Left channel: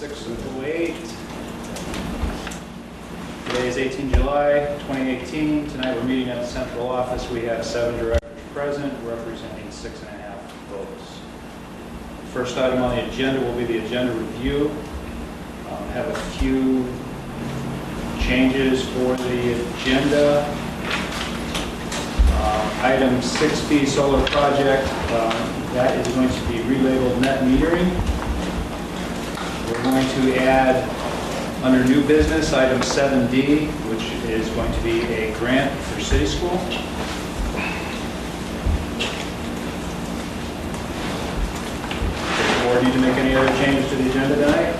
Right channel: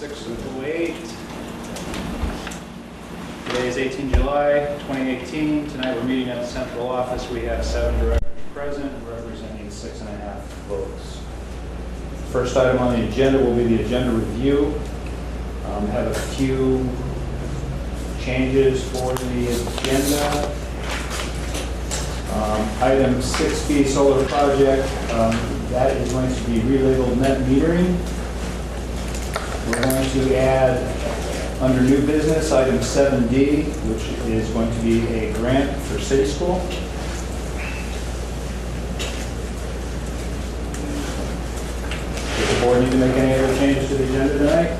6:08. Today is 18 July 2018. Tonight we're meeting at the central office. We have 7 directors present representing 6.5 votes. First item on the agenda will be the agenda review. Have a few changes for the agenda. Item 6B, solar project, that is going to be relabeled net metering. We're going to add, under new business, item 7D, which is going to be a grant for city school. Does the board need to make any other changes to the agenda tonight?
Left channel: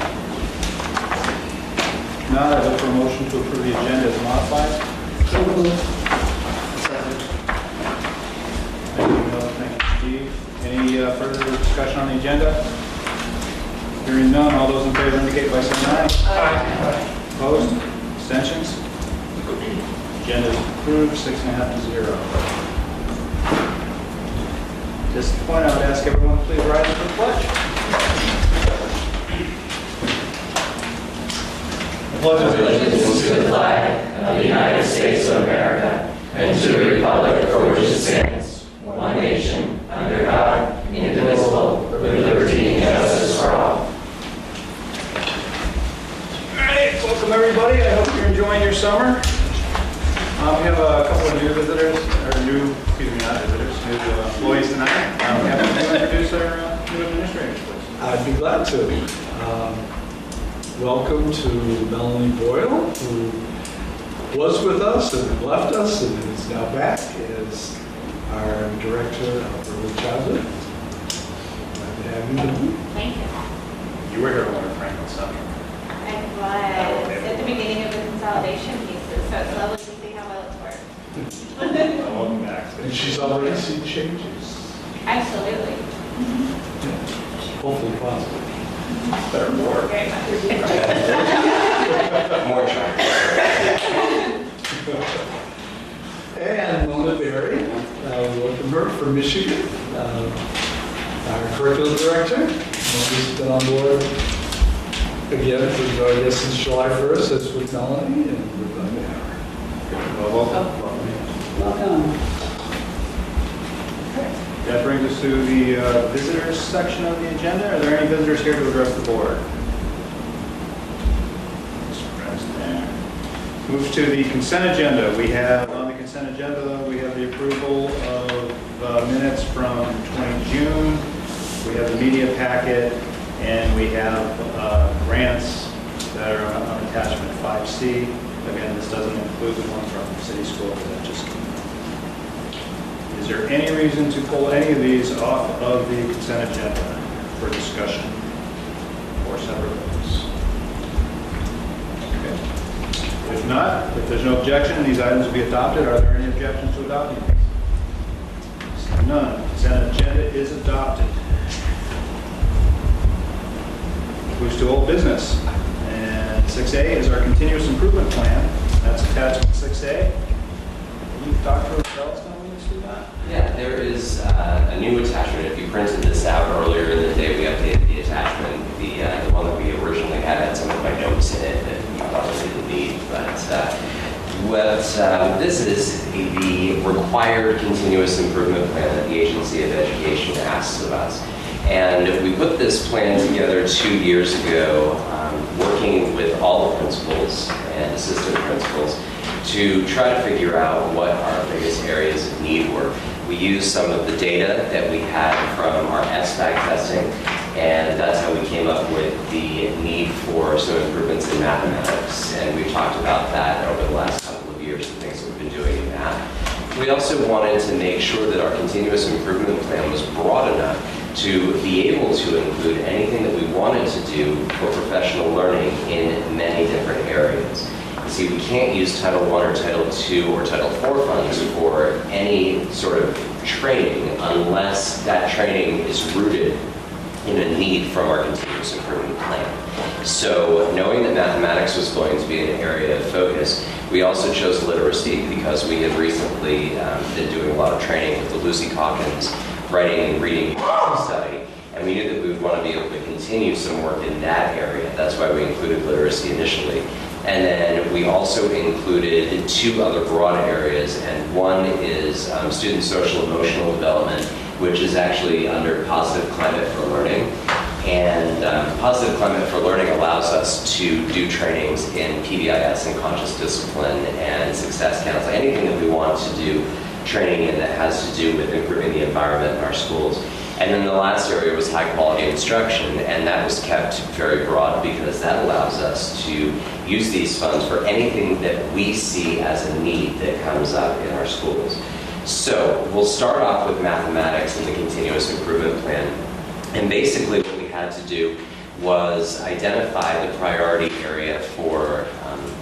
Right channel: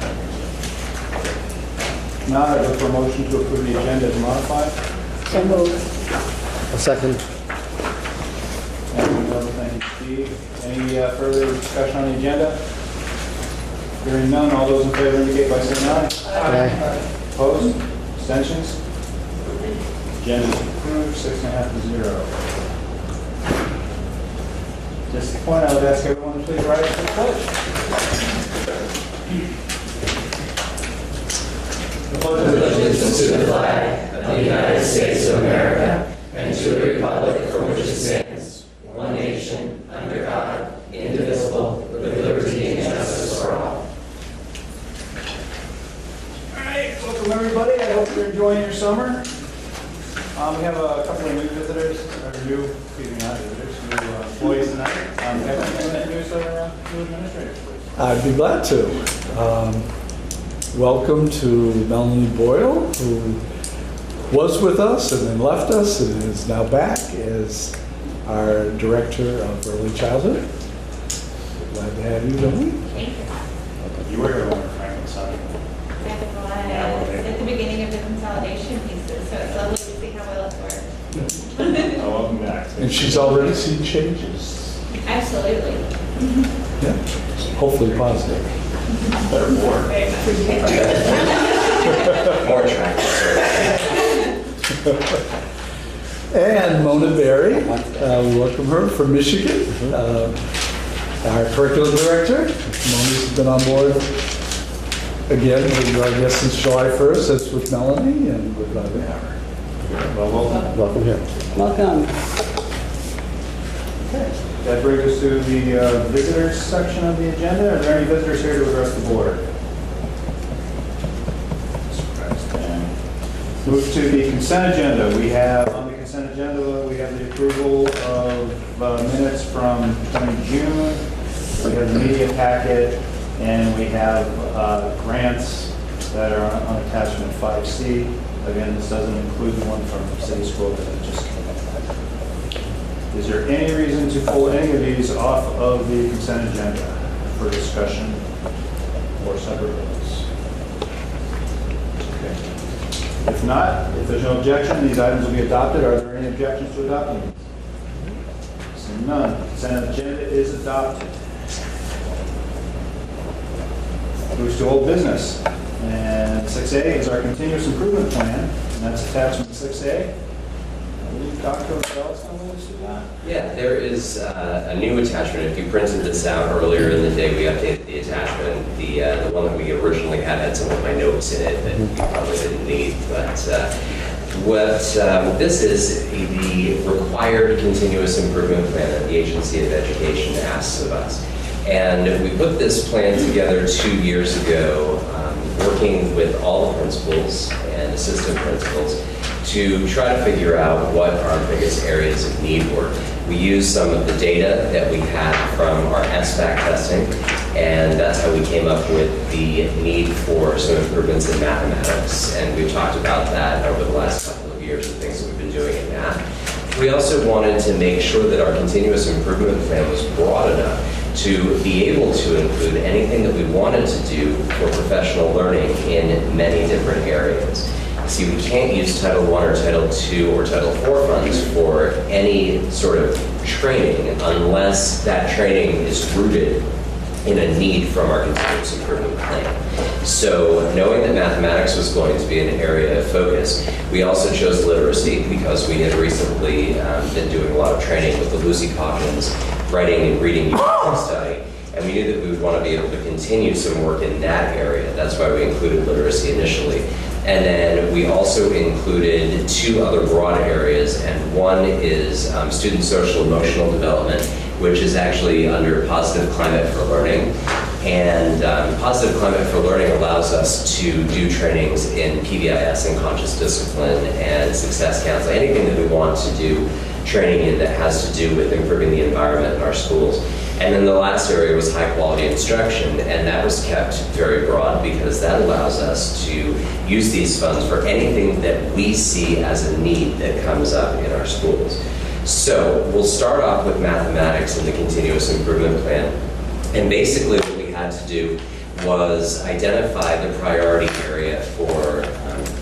Now, I look for a motion to approve the agenda as modified. So moved. A second. Thank you, Mel. Thank you, Steve. Any further discussion on the agenda? Hearing none, all those in favor indicate by saying aye. Aye. Opposed? Abstentions? Agenda is approved, 6.5 to 0. Just to point out, I'd ask everyone to please rise for the pledge. Allegiance to the flag of the United States of America and to the republic for which it stands, one nation, under God, indivisible, with liberty and justice for all. All right, welcome everybody. I hope you're enjoying your summer. We have a couple of new visitors, or new employees tonight. We have to introduce our new administrators, please. I'd be glad to. Welcome to Melanie Boyle, who was with us and then left us and is now back as our Director of Early Childhood. Glad to have you, Melanie. Thank you. You were here when Frank was on. I was at the beginning of the consolidation pieces, so it's lovely to see how well it's worked. Welcome back. And she's already seen changes. Absolutely. Yeah. Hopefully positive. Better more. Very much. More attractive. And Mona Berry, we welcome her from Michigan, our Curriculum Director. Mona's been on board again, I guess since July 1st, as with Melanie, and we're glad to have her. Welcome. Welcome here. Welcome. That brings us to the visitors section of the agenda. Are there any visitors here to address the board? Move to the consent agenda. We have on the consent agenda, we have the approval of minutes from 20 June. We have the media packet, and we have grants that are on attachment 5C. Again, this doesn't include the one from city school that just came up. Is there any reason to pull any of these off of the consent agenda for discussion or separate votes? Okay. If not, if there's no objection, these items will be adopted. Are there any objections to adopting these? Seeing none, consent agenda is adopted. Moves to old business. And 6A is our continuous improvement plan, and that's attachment 6A. I believe Dr. Rochelle's going to lead us through that. Yeah, there is a new attachment. If you printed this out earlier in the day, we updated the attachment. The one that we originally had some of my notes in it that you probably didn't need. But what this is the required continuous improvement plan that the Agency of Education asks of us. And we put this plan together 2 years ago, working with all the principals and assistant principals to try to figure out what our biggest areas of need were. We used some of the data that we had from our SBAC testing, and that's how we came up with the need for some improvements in mathematics. And we've talked about that over the last couple of years and things that we've been doing in math. We also wanted to make sure that our continuous improvement plan was broad enough to be able to include anything that we wanted to do for professional learning in many different areas. See, we can't use Title I or Title II or Title IV funds for any sort of training unless that training is rooted in a need from our continuous improvement plan. So knowing that mathematics was going to be an area of focus, we also chose literacy because we have recently been doing a lot of training with the Lucy Coggins writing and reading study. And we knew that we would want to be able to continue some work in that area. That's why we included literacy initially. And then we also included 2 other broad areas, and one is student social emotional development, which is actually under Positive Climate for Learning. And Positive Climate for Learning allows us to do trainings in PBIS and conscious discipline and success counseling, anything that we want to do training in that has to do with improving the environment in our schools. And then the last area was high quality instruction, and that was kept very broad because that allows us to use these funds for anything that we see as a need that comes up in our schools. So we'll start off with mathematics and the continuous improvement plan. And basically what we had to do was identify the priority area for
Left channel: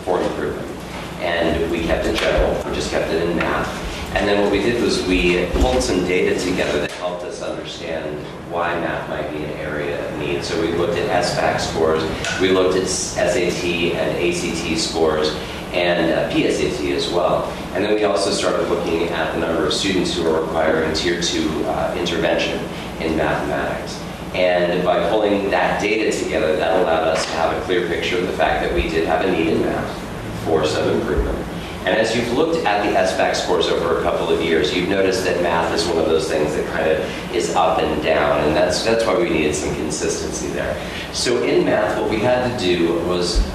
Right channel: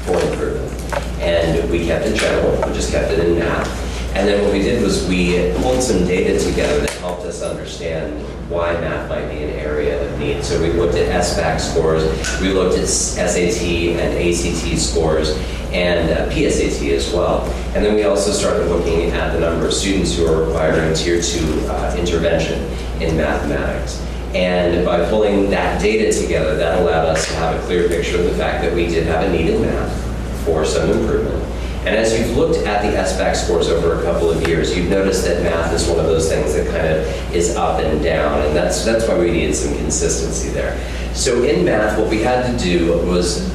improvement. And we kept it general, we just kept it in math. And then what we did was we pulled some data together that helped us understand why math might be an area of need. So we looked at SBAC scores, we looked at SAT and ACT scores, and PSAT as well. And then we also started looking at the number of students who are requiring Tier 2 intervention in mathematics. And by pulling that data together, that allowed us to have a clear picture of the fact that we did have a need in math for some improvement. And as you've looked at the SBAC scores over a couple of years, you've noticed that math is one of those things that kind of is up and down, and that's why we needed some consistency there. So in math, what we had to do was,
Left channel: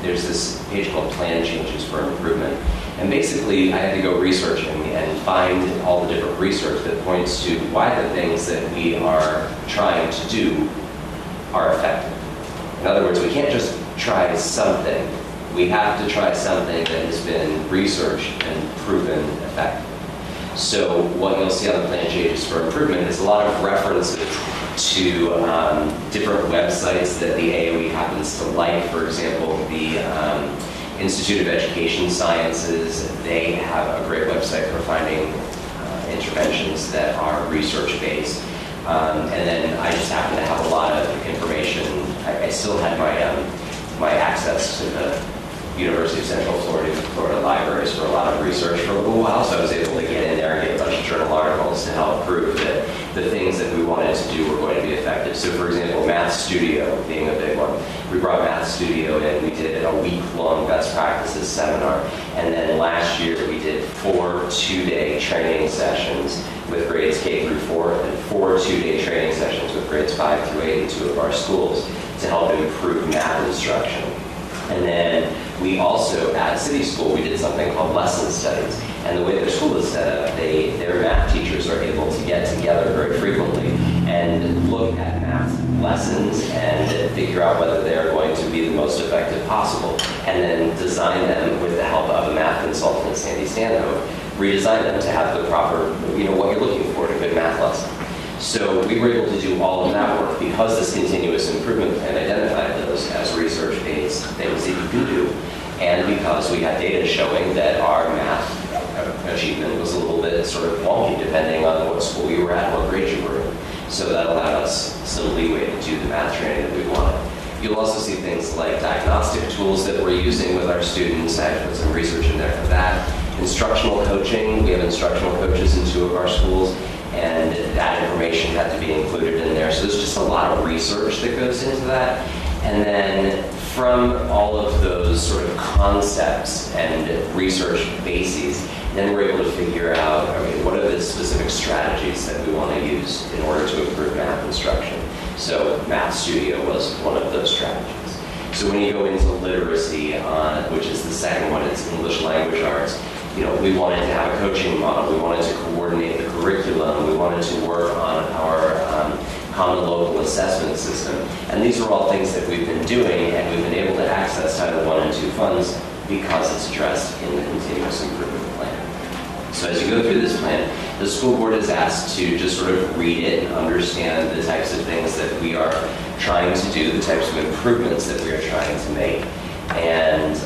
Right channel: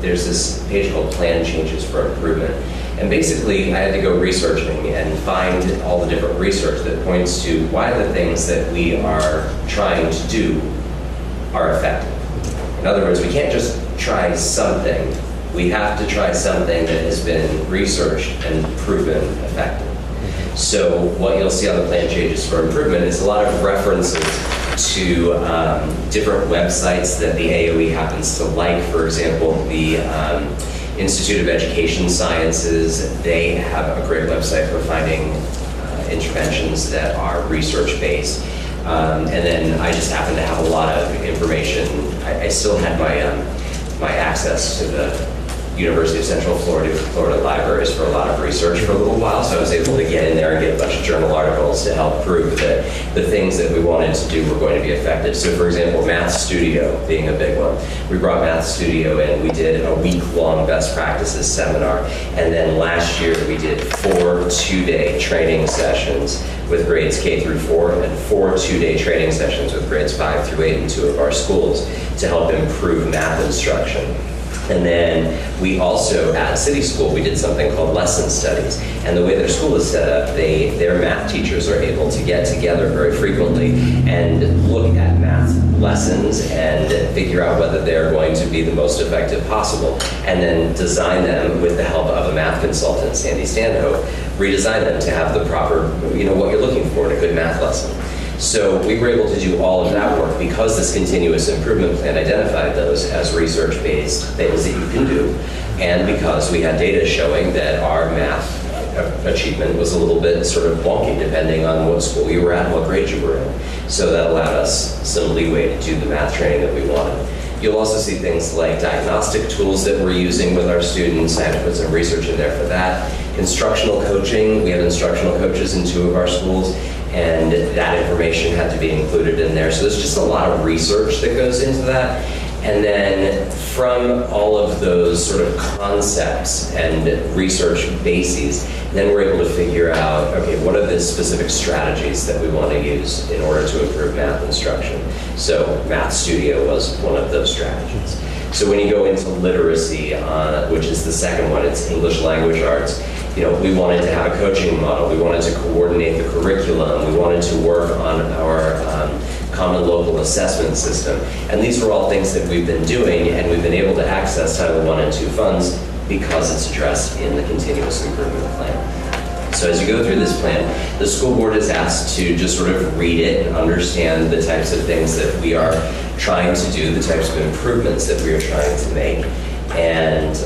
there's this page called Plan Changes for Improvement. And basically, I had to go researching and find all the different research that points to why the things that we are trying to do are effective. In other words, we can't just try something. We have to try something that has been researched and proven effective. So what you'll see on the Plan Changes for Improvement is a lot of references to different websites that the AOE happens to like. For example, the Institute of Education Sciences, they have a great website for finding interventions that are research-based. And then I just happen to have a lot of information. I still had my access to the University of Central Florida libraries for a lot of research for a little while, so I was able to get in there and get a bunch of journal articles to help prove that the things that we wanted to do were going to be effective. So for example, Math Studio being a big one. We brought Math Studio in, we did a week-long best practices seminar, and then last year we did 4 2-day training sessions with grades K through 4 and 4 2-day training sessions with grades 5 through 8 in 2 of our schools to help improve math instruction. And then we also, at City School, we did something called lesson studies. And the way their school is set up, their math teachers are able to get together very frequently and look at math lessons and figure out whether they're going to be the most effective possible. And then design them with the help of a math consultant, Sandy Stanhope, redesign them to have the proper, what you're looking for in a good math lesson. So we were able to do all of that work because this continuous improvement plan identified those as research-based things that you can do, and because we had data showing that our math achievement was a little bit sort of wonky depending on what school you were at and what grade you were in. So that allowed us some leeway to do the math training that we wanted. You'll also see things like diagnostic tools that we're using with our students. I have to put some research in there for that. Instructional coaching, we have instructional coaches in 2 of our schools, and that information had to be included in there. So there's just a lot of research that goes into that. And then from all of those sort of concepts and research bases, then we're able to figure out, okay, what are the specific strategies that we want to use in order to improve math instruction? So Math Studio was one of those strategies. So when you go into literacy, which is the second one, it's English language arts, we wanted to have a coaching model. We wanted to coordinate the curriculum. We wanted to work on our common local assessment system. And these are all things that we've been doing, and we've been able to access Title I and II funds because it's addressed in the continuous improvement plan. So as you go through this plan, the school board is asked to just sort of read it and understand the types of things that we are trying to do, the types of improvements that we are trying to make. And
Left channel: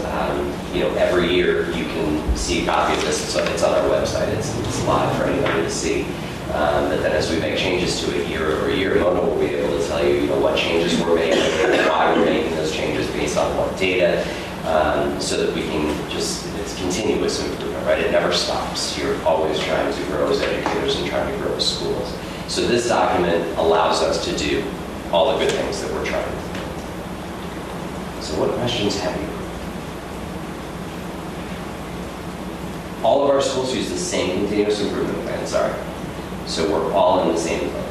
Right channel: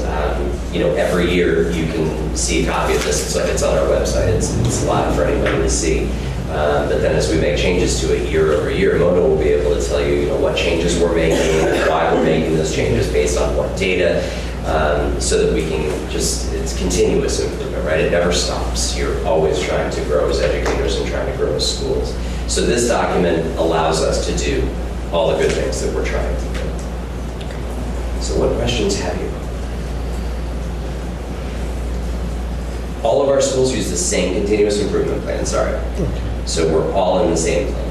every year you can see a copy of this. It's on our website. It's live for anybody to see. But then as we make changes to it year over year, Mona will be able to tell you, what changes we're making, why we're making those changes based on what data, so that we can it's continuous improvement, right? It never stops. You're always trying to grow as educators and trying to grow as schools. So this document allows us to do all the good things that we're trying to do. So what questions have you? All of our schools use the same continuous improvement plan, sorry. So we're all in the same plan.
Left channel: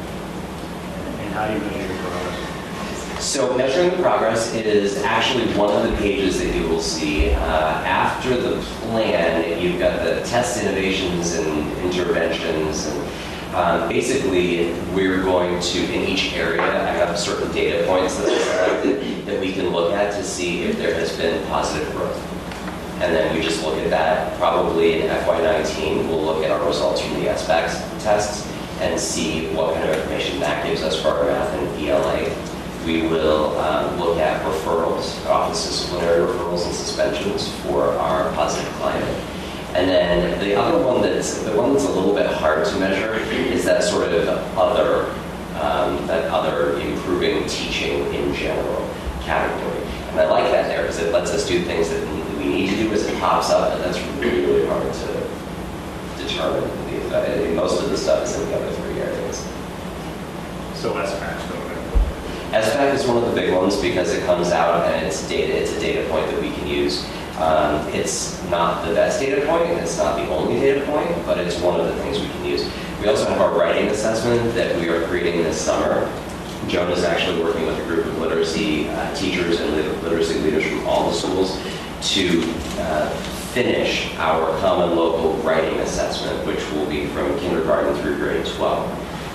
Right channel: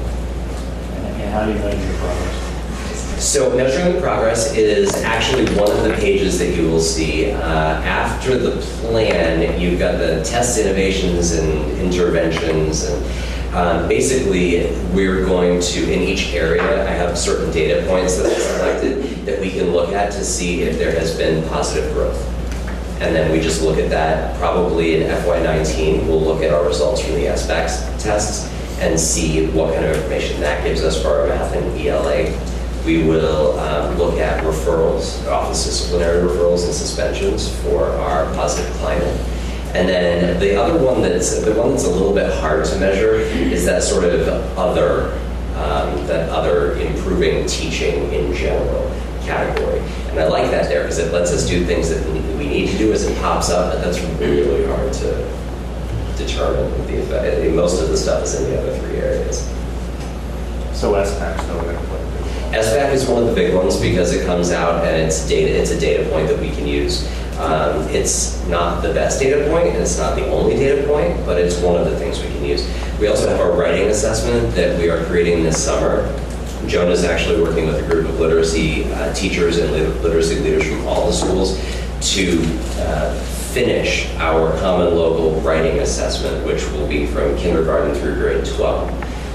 And how do you measure your progress? So measuring the progress is actually one of the pages that you will see. After the plan, you've got the test innovations and interventions. And basically, we're going to, in each area, I have certain data points that I've selected that we can look at to see if there has been positive growth. And then we just look at that. Probably in FY19, we'll look at our results from the SBAC tests and see what kind of information that gives us for our math and ELA. We will look at referrals, office disciplinary referrals and suspensions for our positive climate. And then the other one that's a little bit hard to measure is that sort of other improving teaching in general category. And I like that there because it lets us do things that we need to do as it pops up, but that's really hard to determine the effect. Most of the stuff is in the other three areas. So SPAC's still going to put. SBAC is one of the big ones because it comes out and it's a data point that we can use. It's not the best data point, and it's not the only data point, but it's one of the things we can use. We also have our writing assessment that we are creating this summer. Joan is actually working with a group of literacy teachers and literacy leaders from all the schools to finish our common local writing assessment, which will be from kindergarten through grade 12.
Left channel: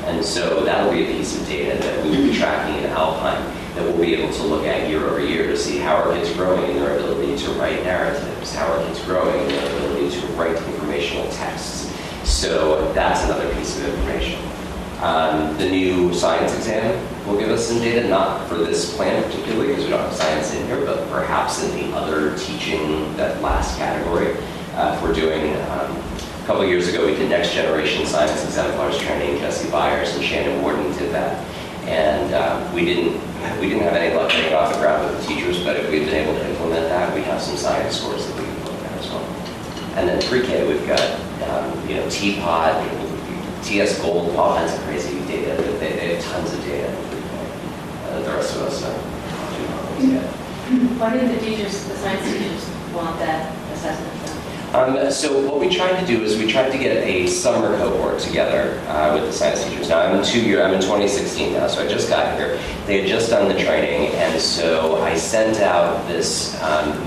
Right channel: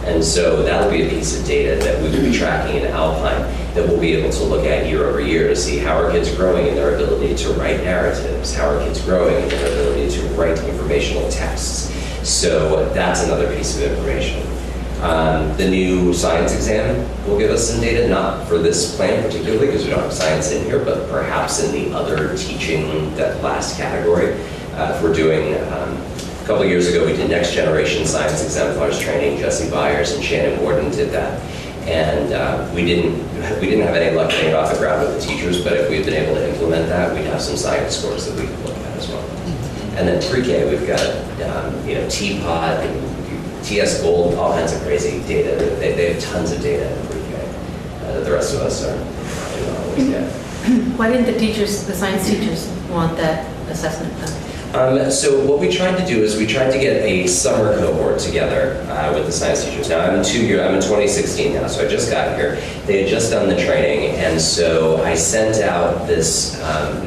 And so that'll be a piece of data that we will be tracking in Alpine that we'll be able to look at year over year to see how our kids are growing in their ability to write narratives, how our kids are growing in their ability to write informational texts. So that's another piece of information. The new science exam will give us some data, not for this plan particularly because we don't have science in here, but perhaps in the other teaching, that last category. If we're doing a couple of years ago, we did next generation science exemplars training. Jesse Byers and Shannon Warden did that. And we didn't have any luck getting it off the ground with the teachers, but if we'd been able to implement that, we'd have some science scores that we could look at as well. And then pre-K, we've got TPOT, TS Gold, all kinds of crazy data. They have tons of data in pre-K. The rest of us don't always get. Why didn't the science teachers want that assessment done? So what we tried to do is we tried to get a summer cohort together with the science teachers. Now I'm in 2016 now, so I just got here. They had just done the training, and so I sent out this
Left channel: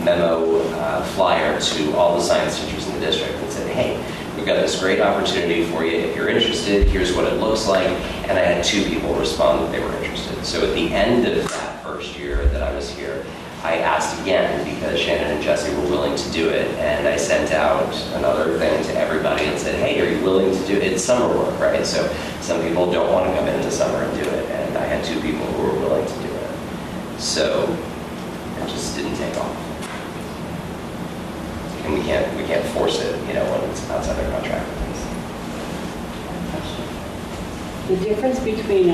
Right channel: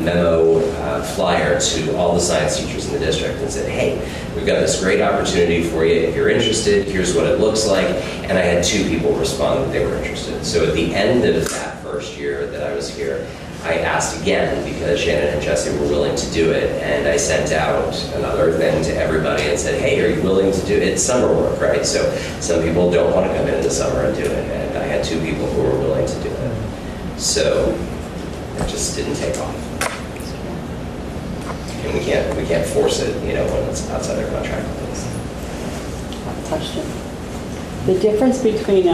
memo flyer to all the science teachers in the district and said, hey, we've got this great opportunity for you. If you're interested, here's what it looks like. And I had 2 people respond that they were interested. So at the end of that first year that I was here, I asked again because Shannon and Jesse were willing to do it, and I sent out another thing to everybody and said, hey, are you willing to do it? It's summer work, right? So some people don't want to come in the summer and do it, and I had 2 people who were willing to do it. So it just didn't take off. And we can't force it, when it's outside our contract with us. Question. The difference between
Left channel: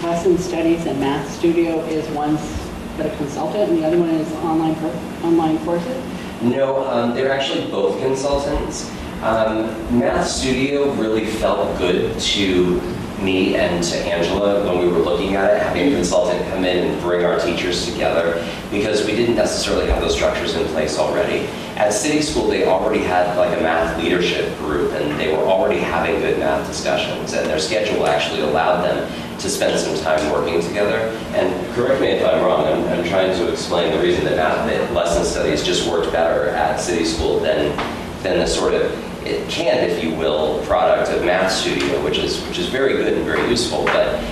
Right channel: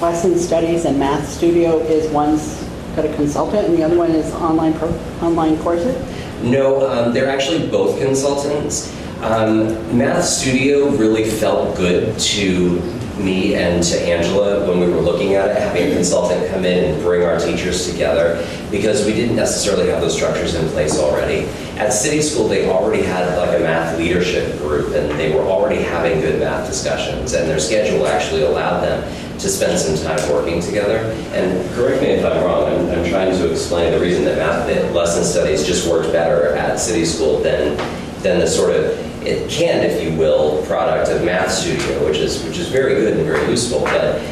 lesson studies and math studio is one's got a consultant and the other one is online courses? No, they're actually both consultants. Math Studio really felt good to me and to Angela when we were looking at it, having a consultant come in and bring our teachers together, because we didn't necessarily have those structures in place already. At City School, they already had like a math leadership group, and they were already having good math discussions, and their schedule actually allowed them to spend some time working together. And correct me if I'm wrong, I'm trying to explain the reason that math lesson studies just worked better at City School than the sort of, it can, if you will, product of Math Studio, which is very good and very useful, but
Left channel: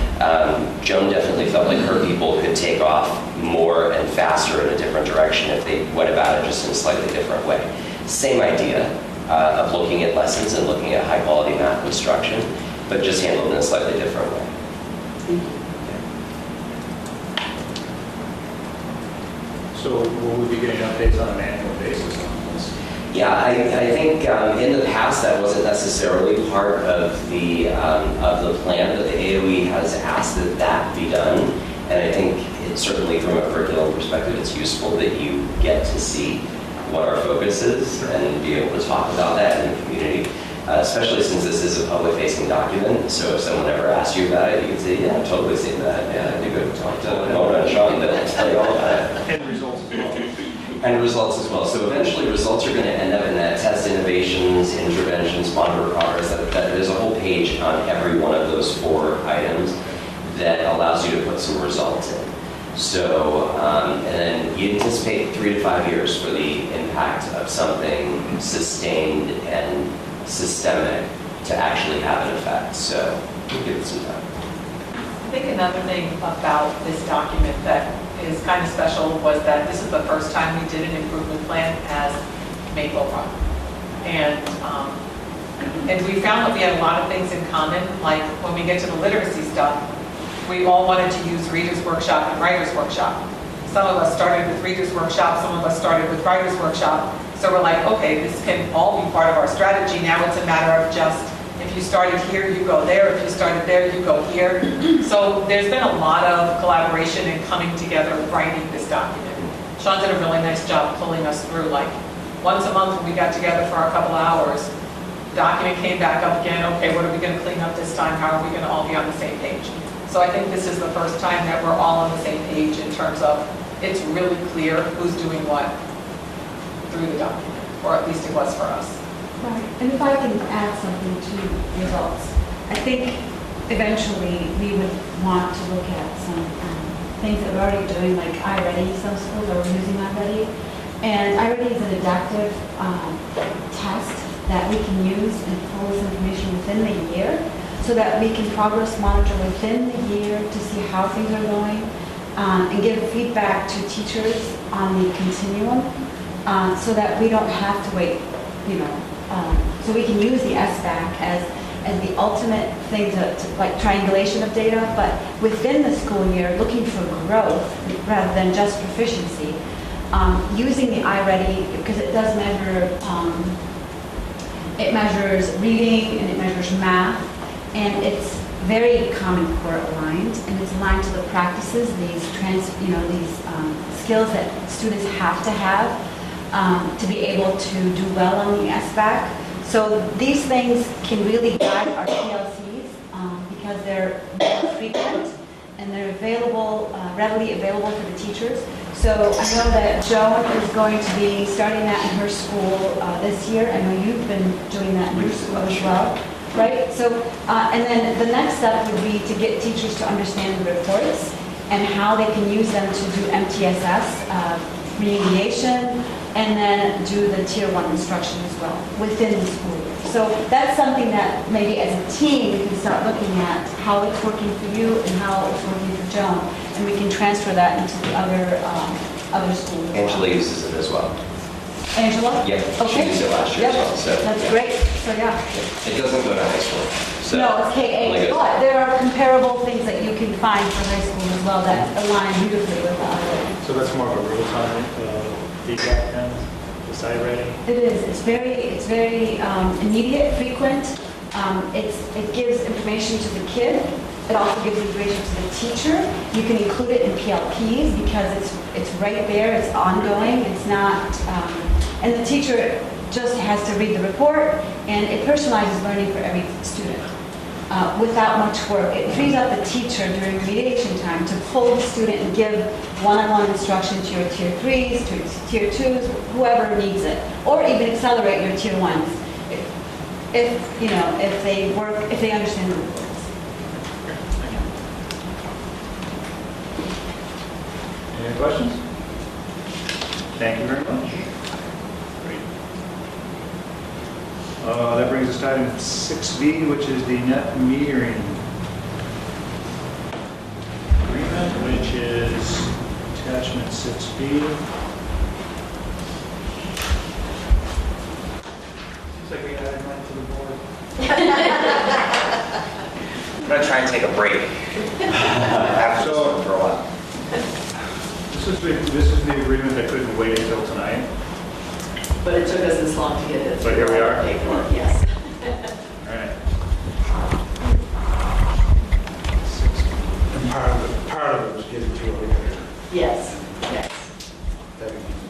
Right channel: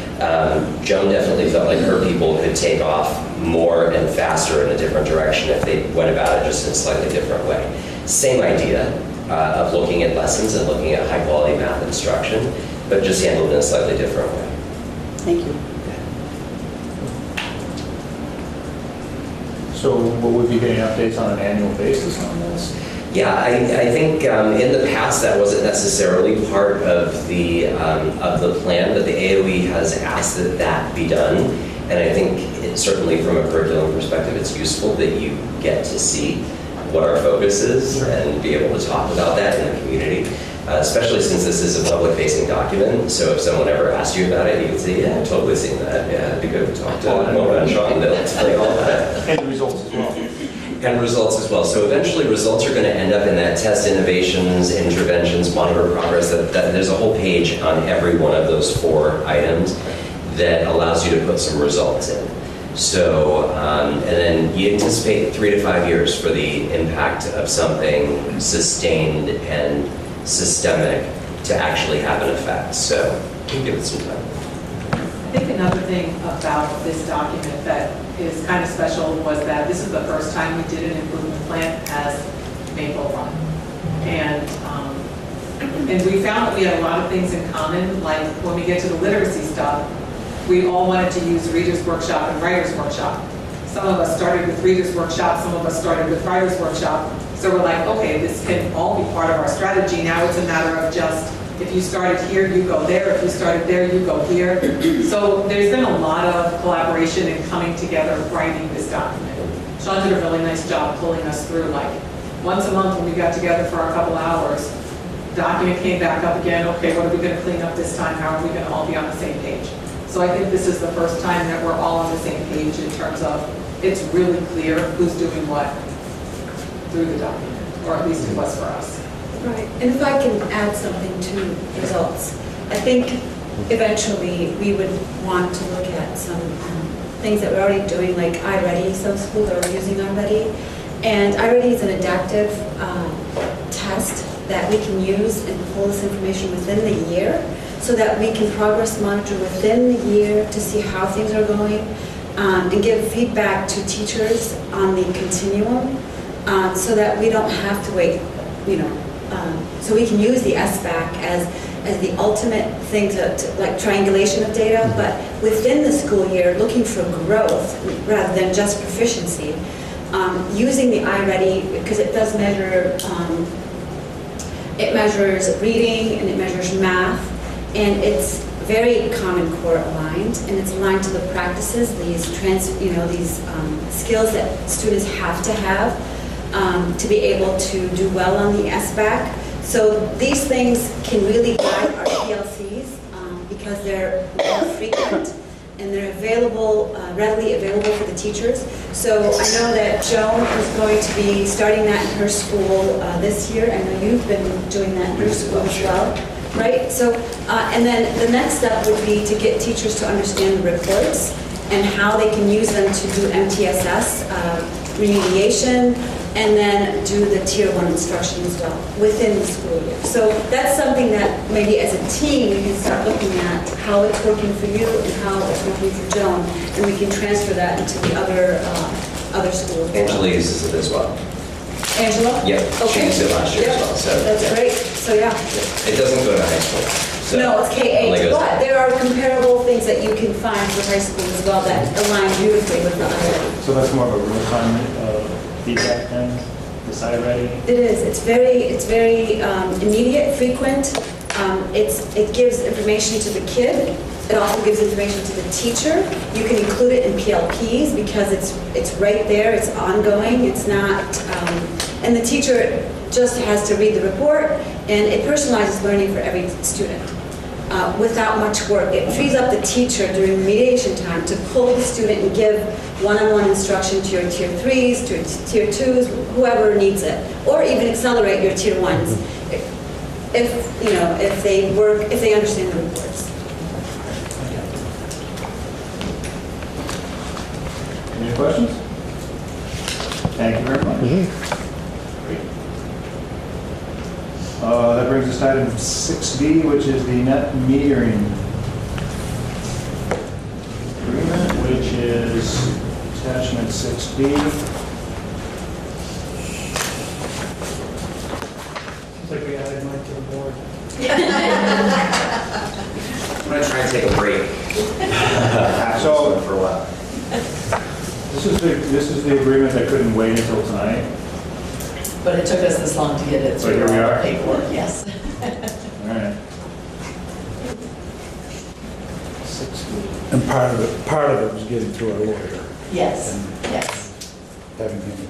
Joan definitely felt like her people could take off more and faster in a different direction if they went about it just in a slightly different way. Same idea of looking at lessons and looking at high quality math instruction, but just handled in a slightly different way. Thank you. So will we be getting updates on an annual basis on this? Yeah, I think in the past that wasn't necessarily part of the plan, but the AOE has asked that that be done, and I think certainly from a curriculum perspective, it's useful that you get to see what our focus is and be able to talk about that in the community. especially since this is a public-facing document. So if someone ever asks you about it, you can say, yeah, I've totally seen that. Yeah, you go talk to Mona and Sean, they'll tell you all about it. And results as well. And results as well. So eventually results are going to end up in that test innovations, interventions, monitor progress. There's a whole page on every one of those 4 items that allows you to put some results in. So, and then you anticipate 3 to 5 years for the impact of something sustained and systemic to actually have an effect. So we'll give it some time. I think another thing about this document that is kind of special was that this is the first time we did an improvement plan as Maple Run. And we found that we had a lot of things in common, like when we get to the literacy stuff, we all wanted to use Reader's Workshop and Writer's Workshop. Some of us started with Reader's Workshop, some of us started with Writer's Workshop. So we're like, okay, this can all be part of our strategy. Now it's a matter of just, if you started here, you go there. If you started there, you go here. So there's been a lot of collaboration and coming together, writing this document. Sean did a really nice job pulling us through, like, once a month when we got together for a couple of hours, the document came back up again. Okay, what are we going to clean up this time? How are we going to all be on the same page? So I think this is the first time that we're all on the same page in terms of it's really clear who's doing what through the document, or at least it was for us. Right, and if I can add something to results, I think eventually we would want to look at some things that we're already doing, like iReady. Some schools are using iReady, and iReady is an adaptive test that we can use and pull this information within the year, so that we can progress monitor within the year to see how things are going, and give feedback to teachers on the continuum, so that we don't have to wait, so we can use the SBAC as the ultimate thing to like triangulation of data, but within the school year, looking for growth rather than just proficiency, using the iReady, because it does measure, it measures reading and it measures math, and it's very Common Core aligned, and it's aligned to the practices, these skills that students have to be able to do well on the SBAC. So these things can really guide our PLCs because they're more frequent and they're available, readily available for the teachers. So I know that Joan is going to be starting that in her school this year. I know you've been doing that in your school as well, right? So, and then the next step would be to get teachers to understand the reports and how they can use them to do MTSS, remediation, and then do the Tier 1 instruction as well within the school year. So that's something that maybe as a team you can start looking at how it's working for you and how it's working for Joan, and we can transfer that into the other schools. Angela uses it as well. Angela? Yeah, she used it last year as well. So That's great. So yeah. it doesn't go to high school. So No, it's only K-8, goes- but there are comparable things that you can find for high school as well that align beautifully with the other. So that's more of a real-time feedback then, the iReady? It is. It's very immediate, frequent. It gives information to the kid. It also gives information to the teacher. You can include it in PLPs because it's right there. It's ongoing. It's not, and the teacher just has to read the report, and it personalizes learning for every student without much work. It frees up the teacher during remediation time to pull the student and give one-on-one instruction to your Tier 3s, to your Tier 2s, whoever needs it, or even accelerate your Tier 1s if they understand the reports. Any questions? Thank you very much. Great. That brings us to item 6B, which is the net metering agreement, which is attachment 6B. Seems like we got to to the board. I'm going to try and take a break. So for a while. This is the agreement that couldn't wait until tonight. But it took us this long to get it So here we are. paperwork, yes. All right. And part of it was getting through our lawyer Yes, and yes. having them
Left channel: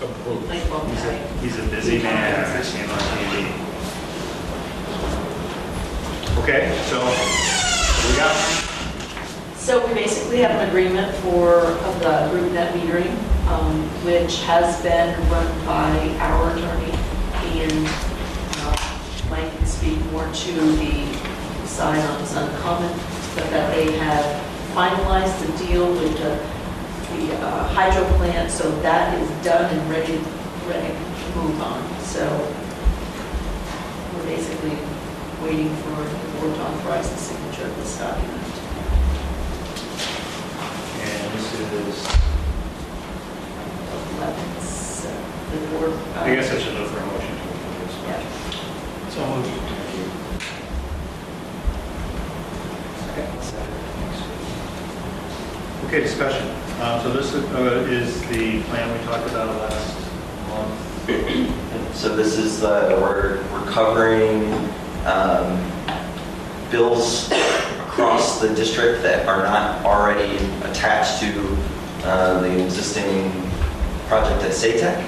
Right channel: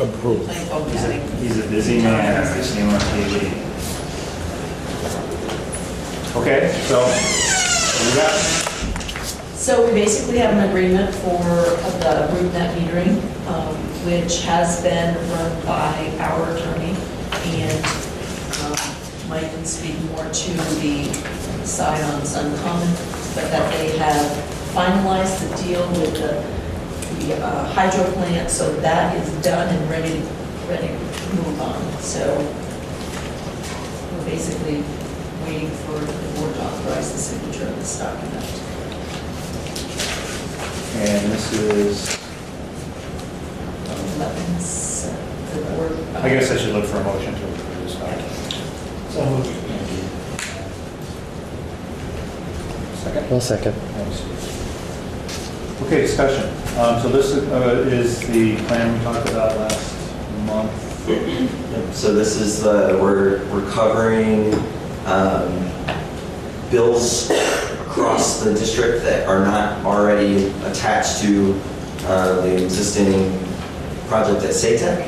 approved. Like both having. He's a busy man, I've seen him on TV. Okay, so we got, So we basically have an agreement for the room net metering, which has been run by our attorney, and Mike can speak more to the side on Sun Common, but that they have finalized the deal with the hydro plant, so that is done and ready to move on. So we're basically waiting for the board to authorize the signature of this document. and this is, 11, so the board. I guess I should look for a motion to approve this document. So moved. Thank you. Second? One second. Thanks. Okay, discussion. So this is the plan we talked about last month. So this is we're covering bills across the district that are not already attached to the existing project at SATEC.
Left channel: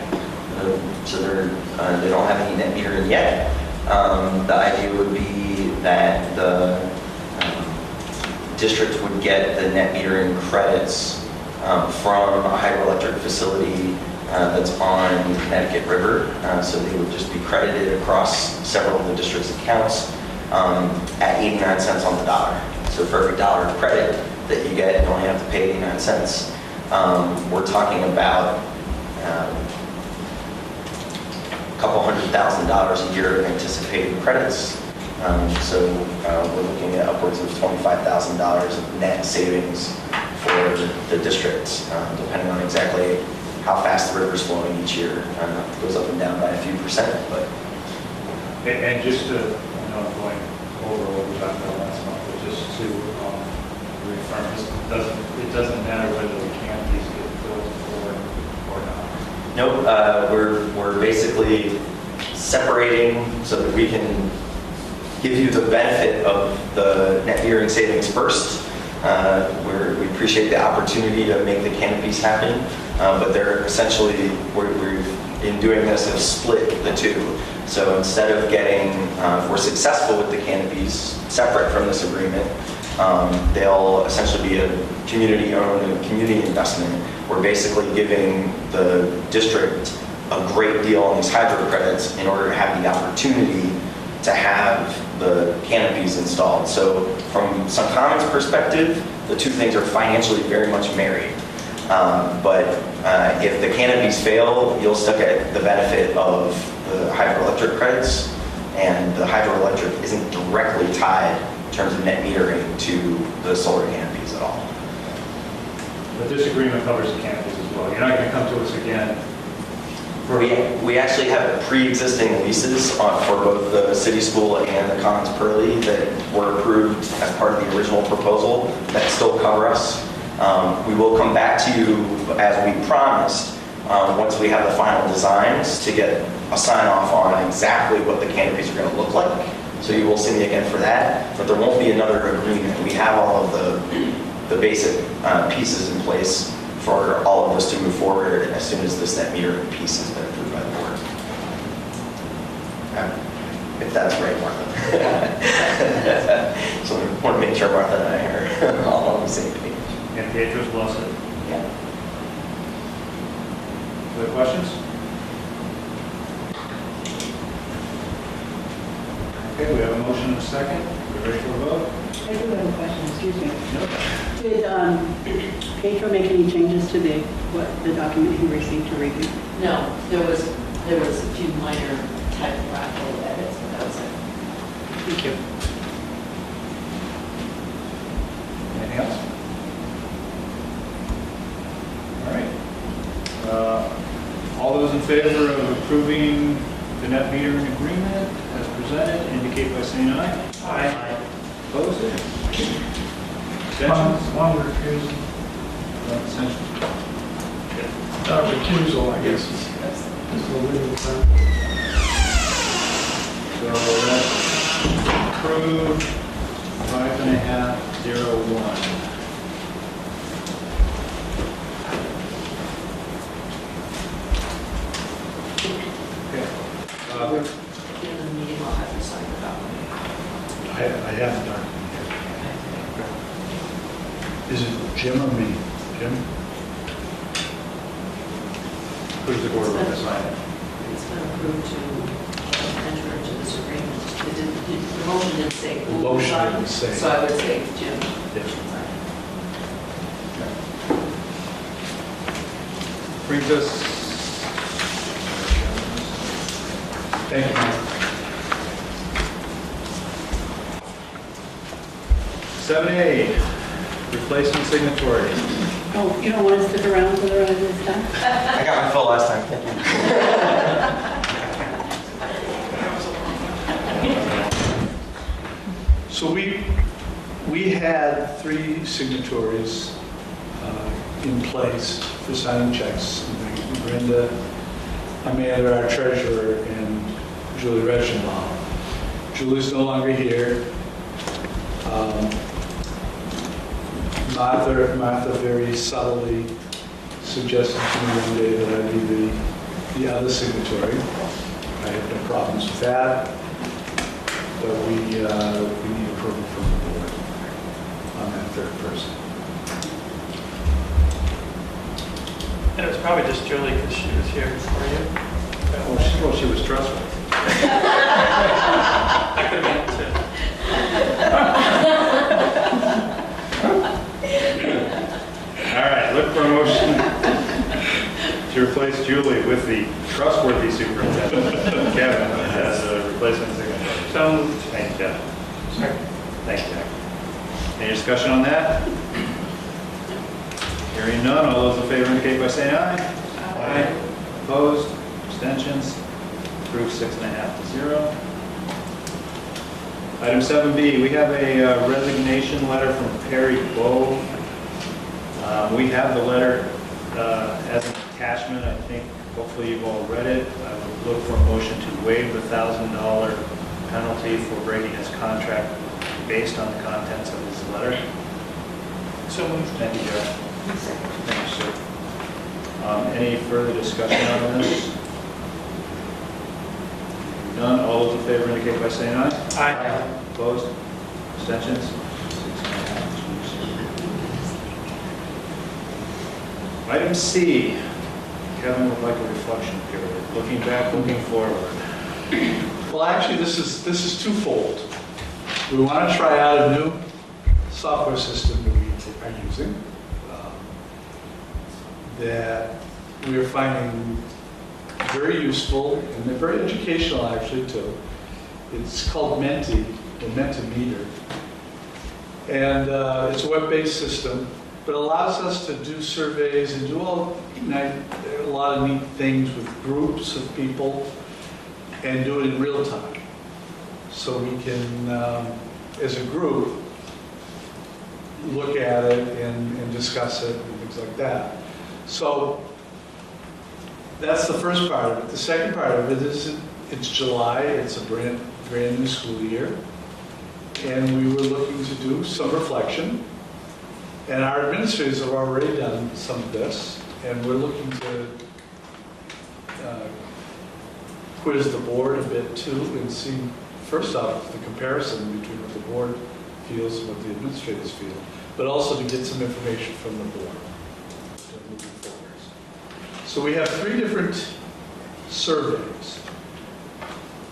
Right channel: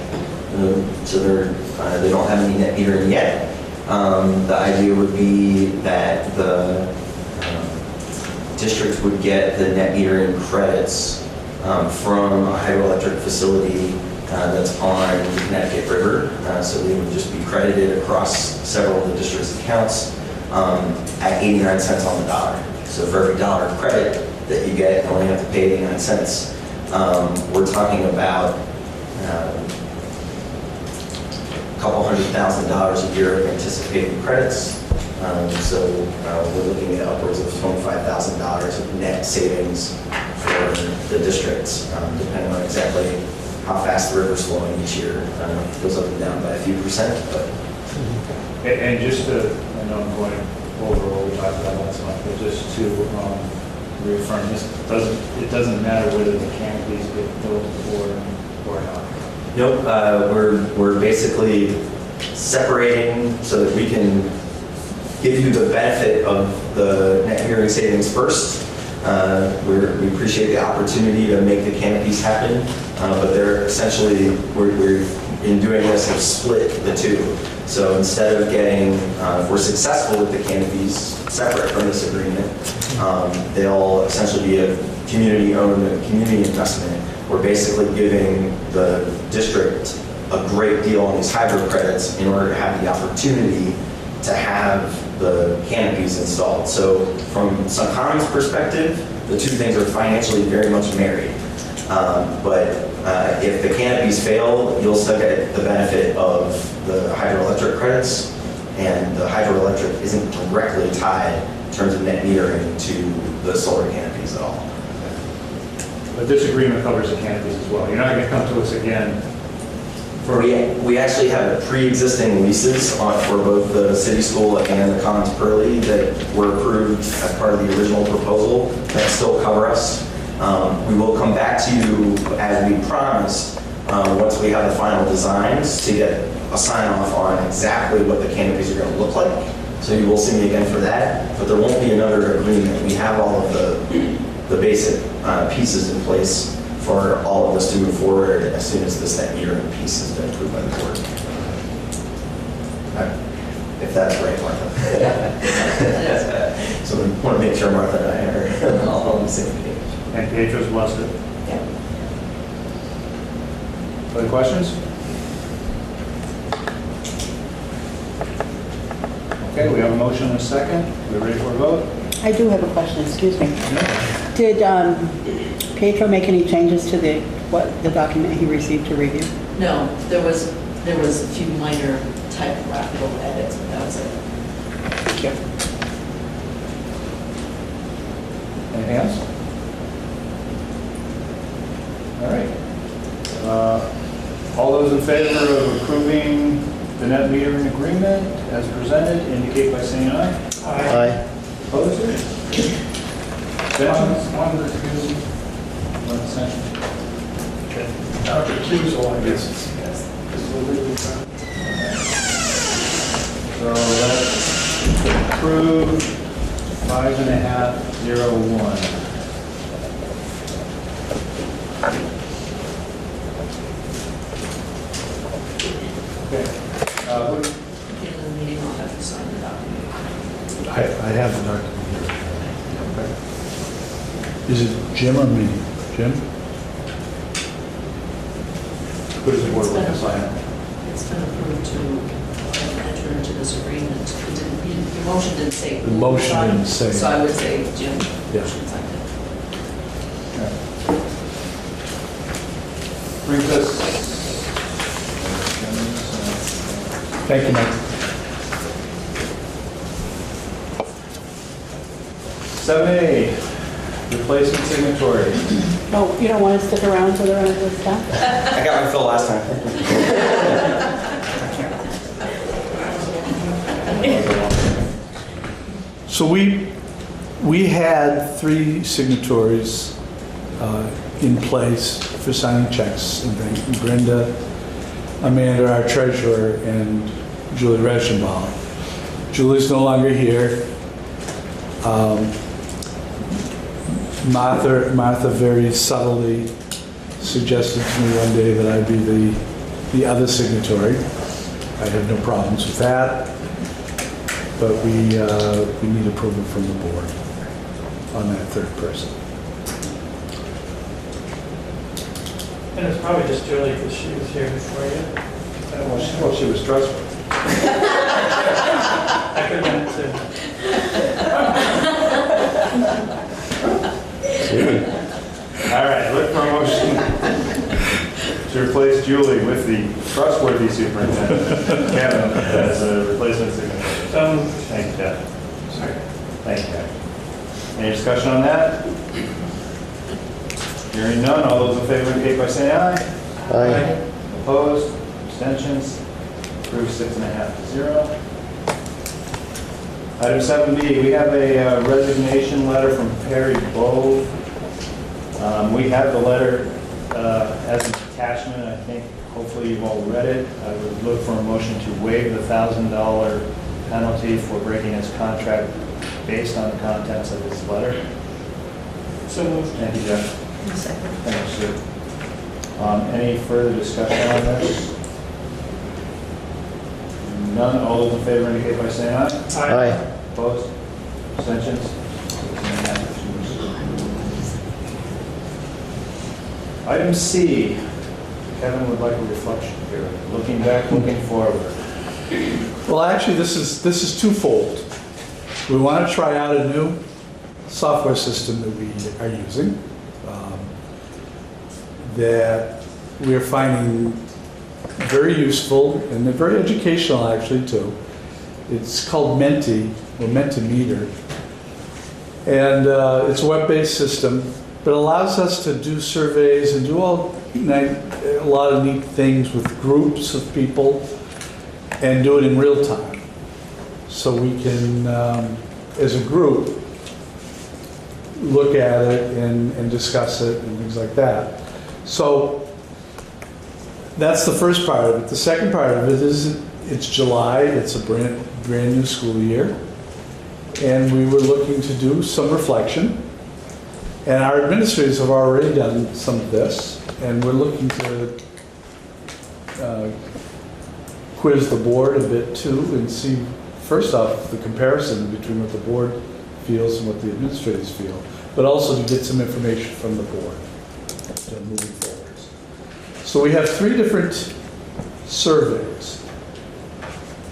So they don't have any net metering yet. The idea would be that the district would get the net metering credits from a hydroelectric facility that's on the Connecticut River. So they would just be credited across several of the district's accounts at 89 cents on the dollar. So for every dollar of credit that you get, you only have to pay 89 cents. We're talking about a couple $100,000 a year of anticipated credits. So we're looking at upwards of $25,000 of net savings for the districts, depending on exactly how fast the river's flowing each year. It goes up and down by a few percent, but. And just to, I know I'm going over what we talked about last month, but just to reaffirm, it doesn't matter whether the canopies get built or not. Nope, we're basically separating so that we can give you the benefit of the net metering savings first. We appreciate the opportunity to make the canopies happen, but they're essentially, we're in doing this, we've split the two. So instead of getting, if we're successful with the canopies separate from this agreement, they'll essentially be a community-owned, community investment. We're basically giving the district a great deal on these hydro credits in order to have the opportunity to have the canopies installed. So from Sun Common's perspective, the two things are financially very much married. But if the canopies fail, you'll still get the benefit of the hydroelectric credits, and the hydroelectric isn't directly tied in terms of net metering to the solar canopies at all. But this agreement covers the canopies as well. You're not going to come to us again for... We actually have pre-existing leases for both the city school and the Commons Pearly that were approved as part of the original proposal that still cover us. We will come back to you, as we promised, once we have the final designs, to get a sign off on exactly what the canopies are going to look like. So you will see me again for that, but there won't be another agreement. We have all of the basic pieces in place for all of this to move forward as soon as this net metering piece has been approved by the board. If that's right, Martha. So I want to make sure Martha and I are all on the same page. And Beatrice wants it. Yeah. Other questions? Okay, we have a motion and a second. Are we ready for a vote? I do have a question, excuse me. Did Pedro make any changes to the document he received to review? No, there was a few minor typographical edits, but that was it. Thank you. Anything else? All right. All those in favor of approving the net metering agreement as presented indicate by saying aye. Aye. Opposed? Abstentions? One refusal. No abstention. Recusal, I guess, is the legal term. So that's approved 5.501. Okay. At the end of the meeting, I'll have to sign the document. I have Jim or me? Jim? Who's the board going to sign it? It's been approved to enter into this agreement. The motion didn't say. The motion didn't say. So I would say Jim. Yeah. should sign it. Brings us. Thank you, Mike. 7A, replacement signatory. Oh, you don't want to stick around till the rest is done? I got my fill last time. Thank you. So we had 3 signatories in place for signing checks, and thank you, Brenda, Amanda, our treasurer, and Julie Regenbaum. Julie's no longer here. Martha very subtly suggested to me one day that I be the other signatory. I had no problems with that, but we need approval from the board on that third person. And it's probably just Julie because she was here before you. Well, she was trustworthy. That could have been it too. All right, look for a motion to replace Julie with the trustworthy superintendent, Kevin, as a replacement signatory. So moved. Thank you, Jeff. Thank you, Jack. Any discussion on that? Hearing none, all those in favor indicate by saying aye. Aye. Opposed? Abstentions? Approved 6.5 to 0. Item 7B, we have a resignation letter from Perry Bove. We have the letter as an attachment. I think hopefully you've all read it. I would look for a motion to waive the $1,000 penalty for breaking his contract based on the contents of this letter. So moved. Thank you, Jeff. Thank you, sir. Any further discussion on this? None. All those in favor indicate by saying aye. Aye. Opposed? Abstentions? Item C, Kevin would like a reflection period. Looking back, looking forward. Well, actually, this is twofold. We want to try out a new software system that we are using that we are finding very useful and they're very educational actually too. It's called Menti, or Mentimeter. And it's a web-based system, but allows us to do surveys and do a lot of neat things with groups of people and do it in real time. So we can, as a group, look at it and discuss it and things like that. So that's the first part of it. The second part of it is it's July, it's a brand new school year, and we were looking to do some reflection. And our administrators have already done some of this, and we're looking to quiz the board a bit too and see, first off, the comparison between what the board feels and what the administrators feel, but also to get some information from the board moving forward. So we have 3 different surveys.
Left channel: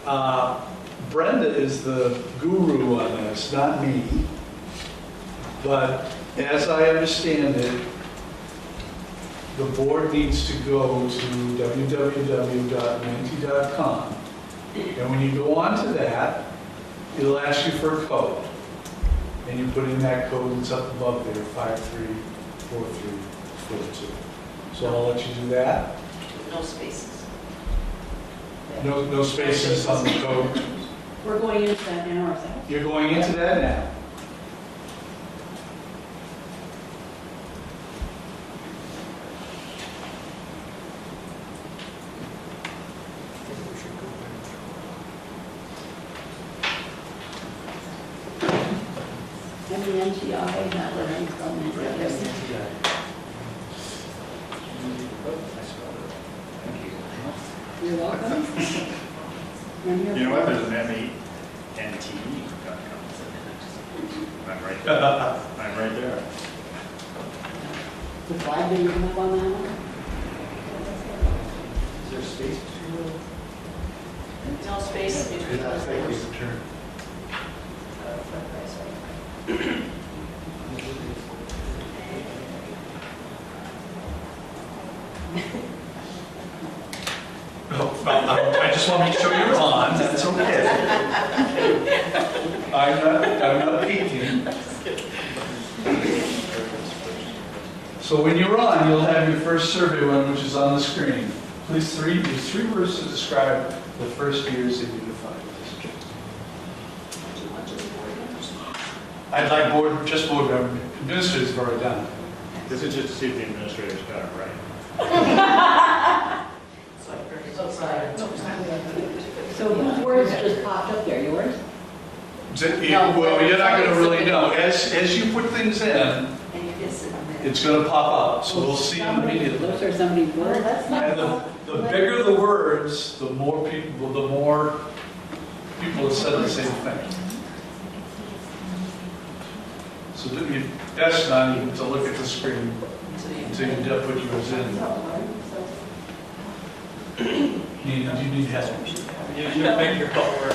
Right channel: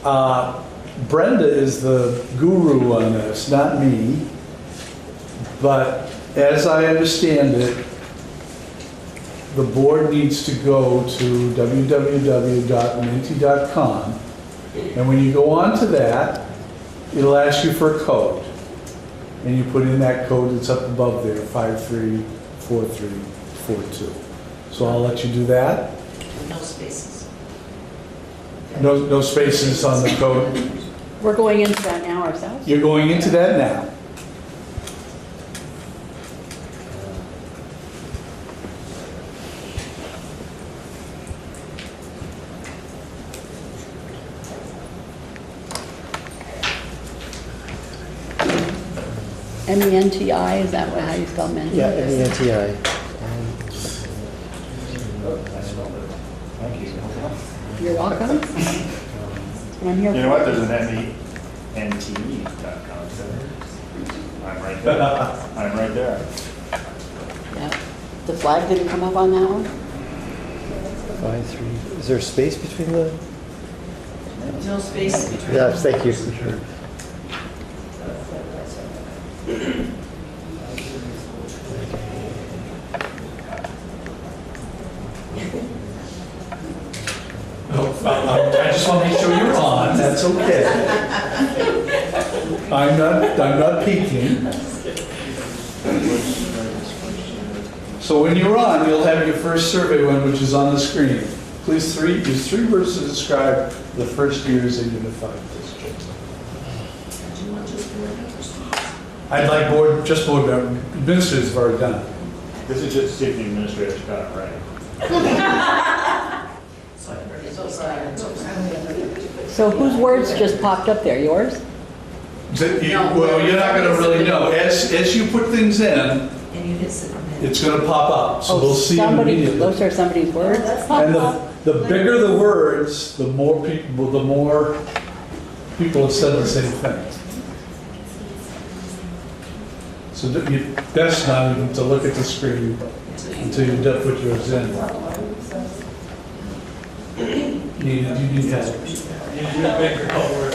Brenda is the guru on this, not me, but as I understand it, the board needs to go to www.menti.com, and when you go onto that, it'll ask you for a code, and you put in that code that's up above there, 534342. So I'll let you do that. No spaces. No spaces on the code. We're going into that now ourselves? You're going into that now. M-E-N-T-I, is that how you spell Menti? Yeah, M-E-N-T-I. Thank you. You're welcome. I'm here You know what, there's an MENTE.com. I'm right there. I'm right there. The flag didn't come up on that one? 5, 3. Is there a space between the? No space between. Yeah, thank you. I just want to make sure you're on, that's okay. I'm not peeking. So when you're on, you'll have your first survey one, which is on the screen. Please use 3 words to describe the first years in Unified District. I'd like board administrators have already done it. This is just to see if the administrators got it right. So whose words just popped up there, yours? Well, you're not going to really know. As you put things in, And you hit sit on that. it's going to pop up, so we'll see them immediately. Those are somebody's words? And the bigger the words, the more people have said the same thing. So that that's not even to look at the screen until you put yours in. You need that. You need a bigger cover.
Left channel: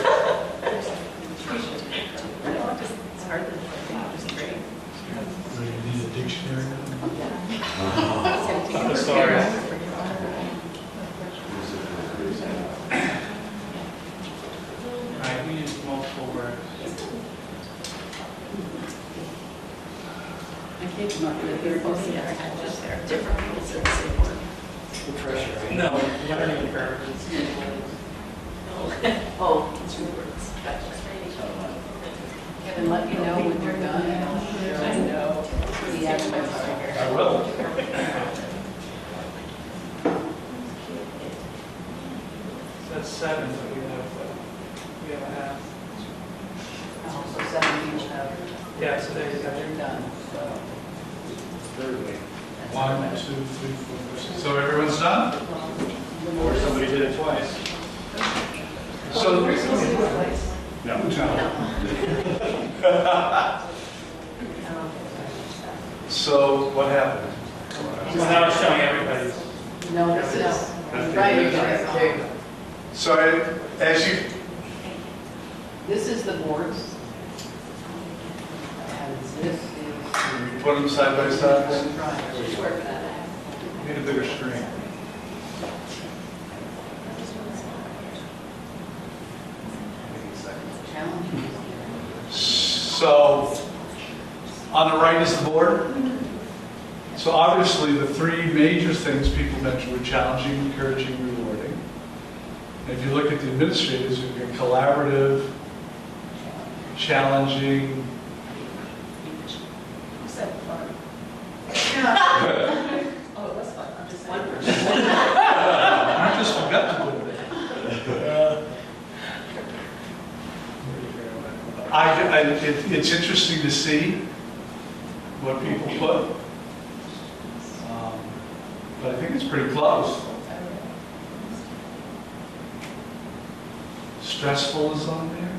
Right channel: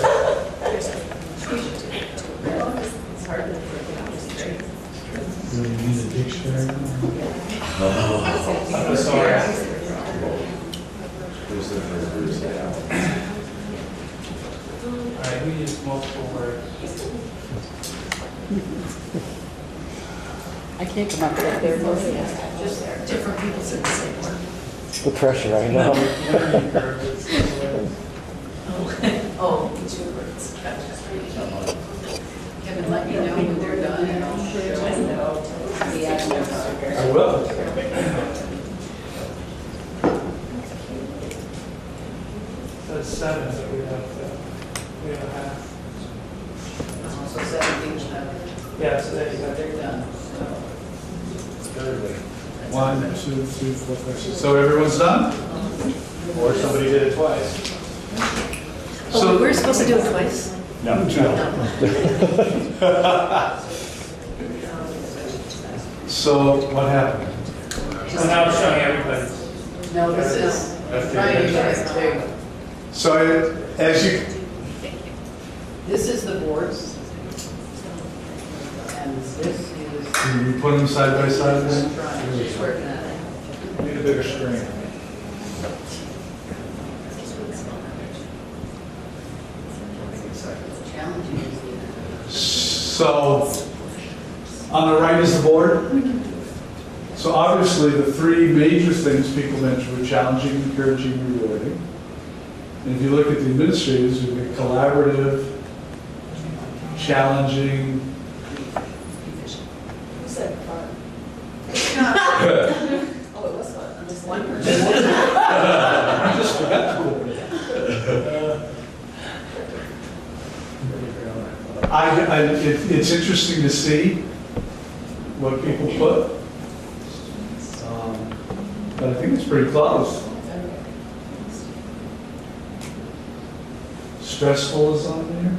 Do you need a dictionary? I'm sorry. All right, we use multiple words. I can't come up with that there. Just there, different people said the same word. The pressure, I know. Learning curve is- Oh, 2 words. Kevin, let me know when they're done and I'll show the actual. I will. That's 7 that we have a half. So 17 Yeah, so there you go. they're done. Thursday. 1, 2, 3, 4, 5, 6. So everyone's done? Or somebody did it twice. Oh, we're supposed to do it twice? No. So what happened? So now it's showing everybody's. No, this is, That's right, the you inside. guys, there you go. So as you, This is the boards. And this is. can you put them side by side? She's working on it. Need a bigger screen. Challenging. So on the right is the board. So obviously the 3 major things people mentioned were challenging, encouraging, rewarding. And if you look at the administrators, we've got collaborative, challenging. Who said fun? Oh, it was fun. I'm just one I just forgot to put it there. It's interesting to see what people put. But I think it's pretty close. Stressful is on there.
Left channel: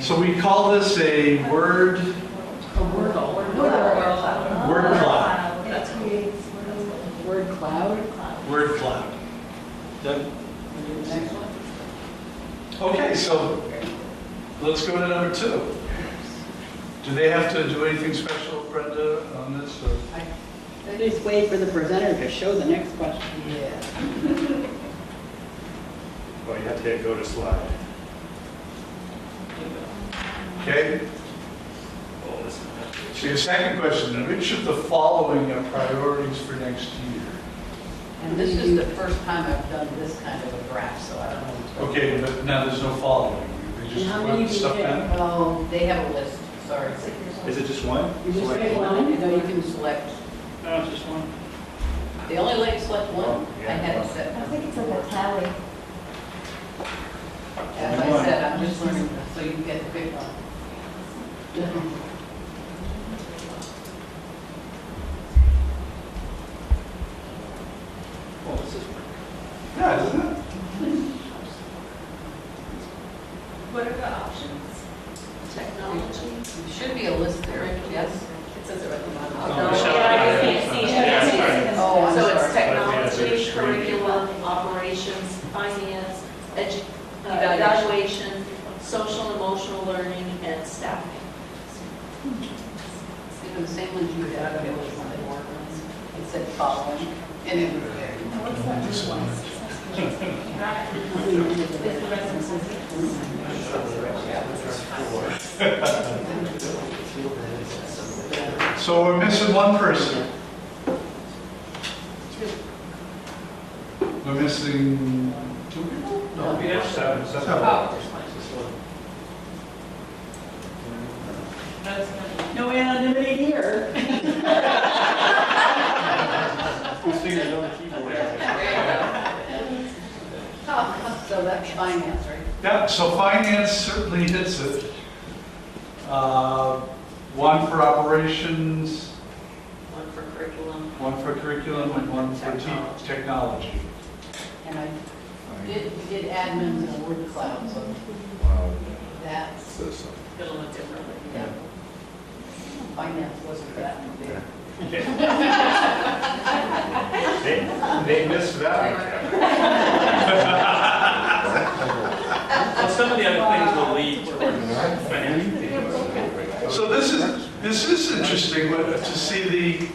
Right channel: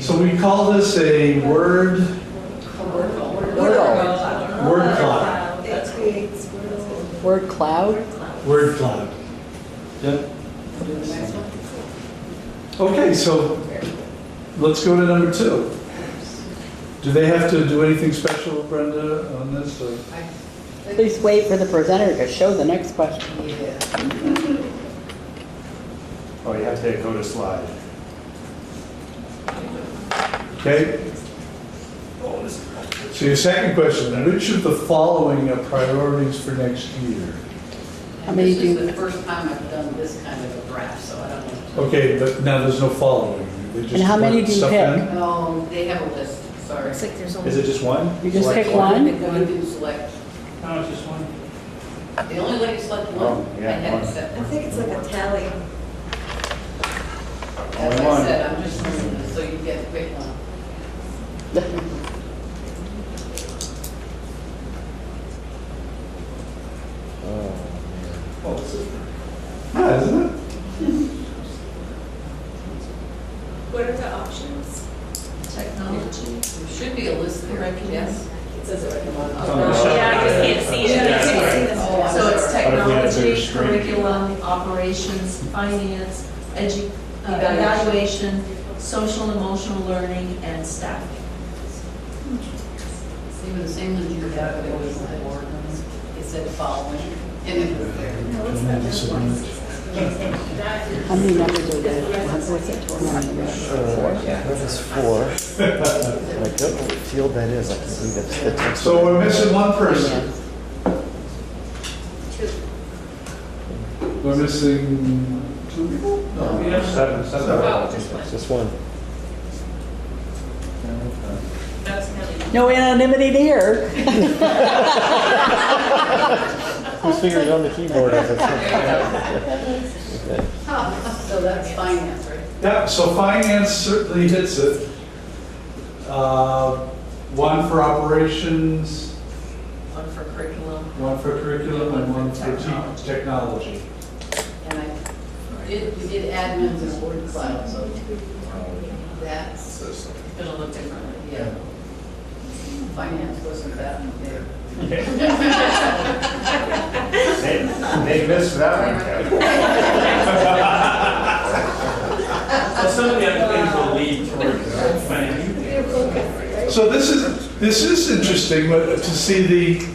So we call this a word cloud. That creates Word cloud? Word cloud. Yep. Okay, so let's go to number 2. Do they have to do anything special, Brenda, on this? Or? Please wait for the presenter to show the next question. Oh, you have to hit go to slide. Okay. So your second question, which of the following are priorities for next year? How many This is do- the first time I've done this kind of a graph, so I don't know. Okay, but now there's no following. They just And how many put do you stuff pick? in? No, they have a list, sorry. It's like there's only. Is it just one? You just Select pick one? No, you can select, No, just one. they only let you select one. Oh, yeah, I had it one. set. I think it's like a tally. As Only I one. said, I'm just reading this so you can get the quick one. Oh, this is. Yeah, isn't it? What are the options? be a list there, yes. It says it right at the bottom. Oh, Yeah, I just can't see it. Yeah. I can't see this. Oh, I'm So it's sorry. technology, Screen. curriculum, operations, finance, evaluation, social and emotional learning, and staffing. See, with the same ones you had, it was the ordinance, it said following, and it was. How many numbers are there? What's it, 29? That was 4. Like, what field that is, I think that's So we're missing one person. We're missing 2 people? No, we have seven. just one. No anonymity here. Who's figured it on the keyboard as it's. So that's finance, right? Yeah, so finance certainly hits it. One for operations, One for curriculum. one for curriculum, and one for technology. And we did admin to the word cloud, so that's, It'll look differently. yeah. Finance wasn't that there. They missed that one. Well, some of the other things will lead towards planning. So this is interesting, but to see the,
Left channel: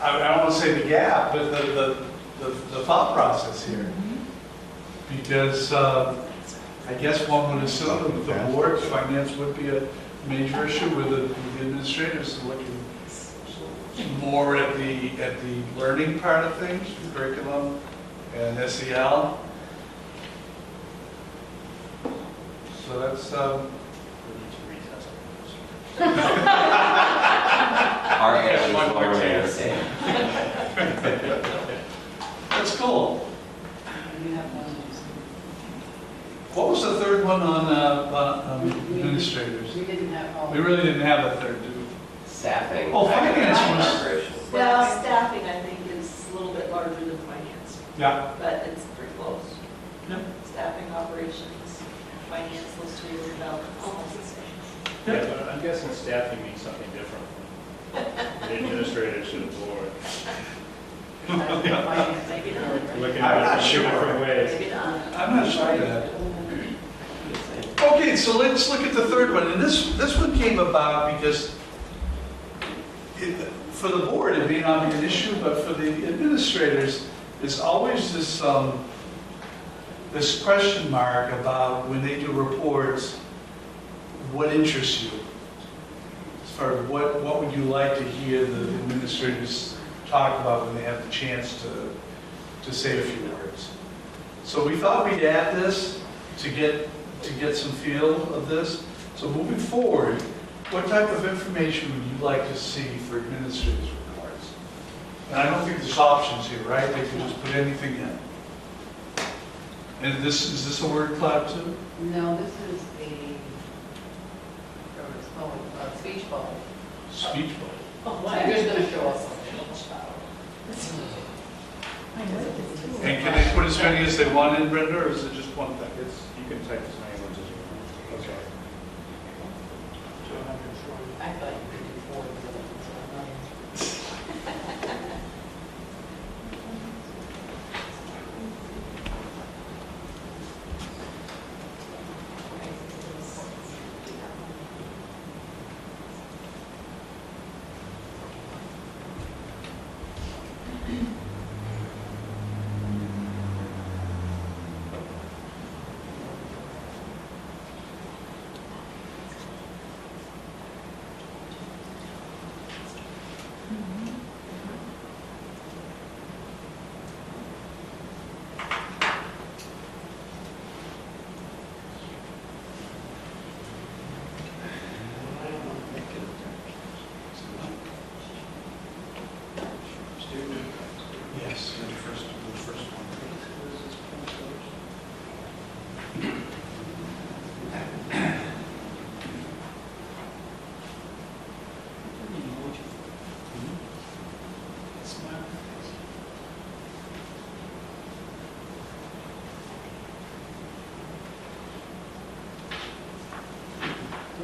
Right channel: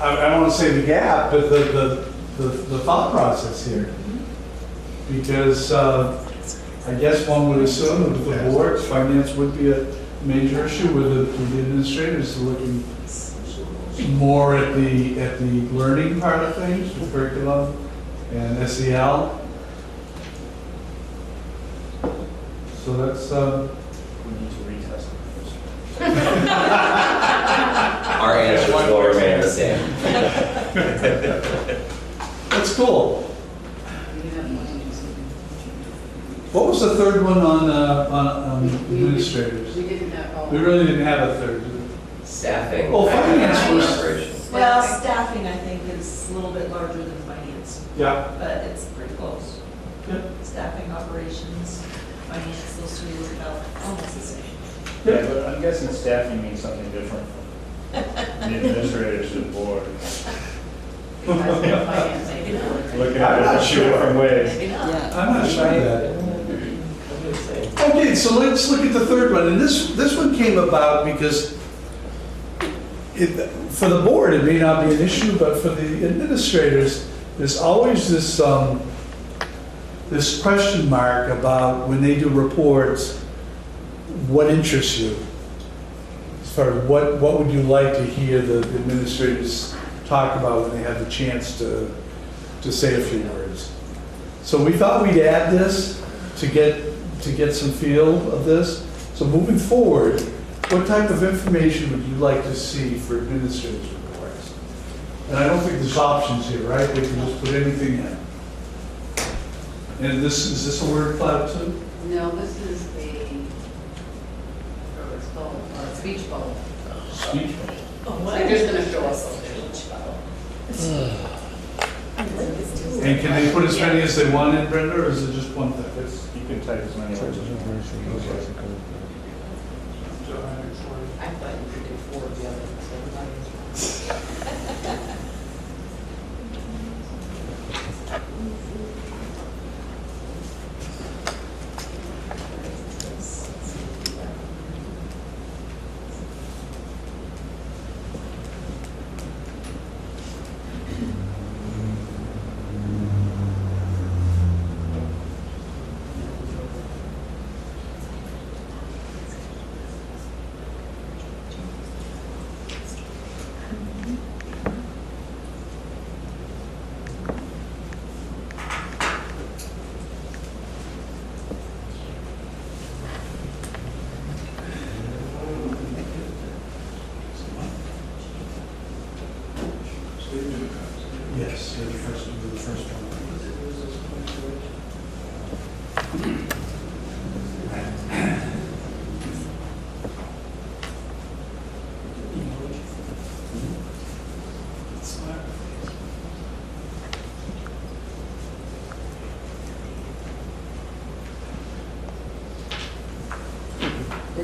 I don't want to say the gap, but the thought process here. Because I guess one would assume that with the board, finance would be a major issue with the administrators looking more at the learning part of things, with curriculum and SEL. So that's, We need to retest it. Our answers will remain the same. that's cool. We have one to do something. What was the third one on administrators? We didn't have, oh. We really didn't have a third, did we? Staffing. Oh, finance was- Operations. Well, staffing, I think, is a little bit larger than finance, Yeah. but it's pretty close. Staffing, operations, finance, those three are about almost the same. Yeah, but I'm guessing staffing means something different from the administrators to the board. Finance, I can. Looking at it in 2 different ways. Maybe not. Yeah. I'm not sure of that. Okay, so let's look at the third one. And this one came about because for the board, it may not be an issue, but for the administrators, there's always this, this question mark about when they do reports, what interests you? As far as what would you like to hear the administrators talk about when they have the chance to say a few words? So we thought we'd add this to get some feel of this. So moving forward, what type of information would you like to see for administrators' reports? And I don't think there's options here, right? They can just put anything in. And is this a word cloud too? No, this is a speech bubble. Speech. Oh, So you're just gonna show us. And can they put as many as they want in, Brenda, or is it just one thing? You can type as many words as you want. I thought you could do 4 of the other ones.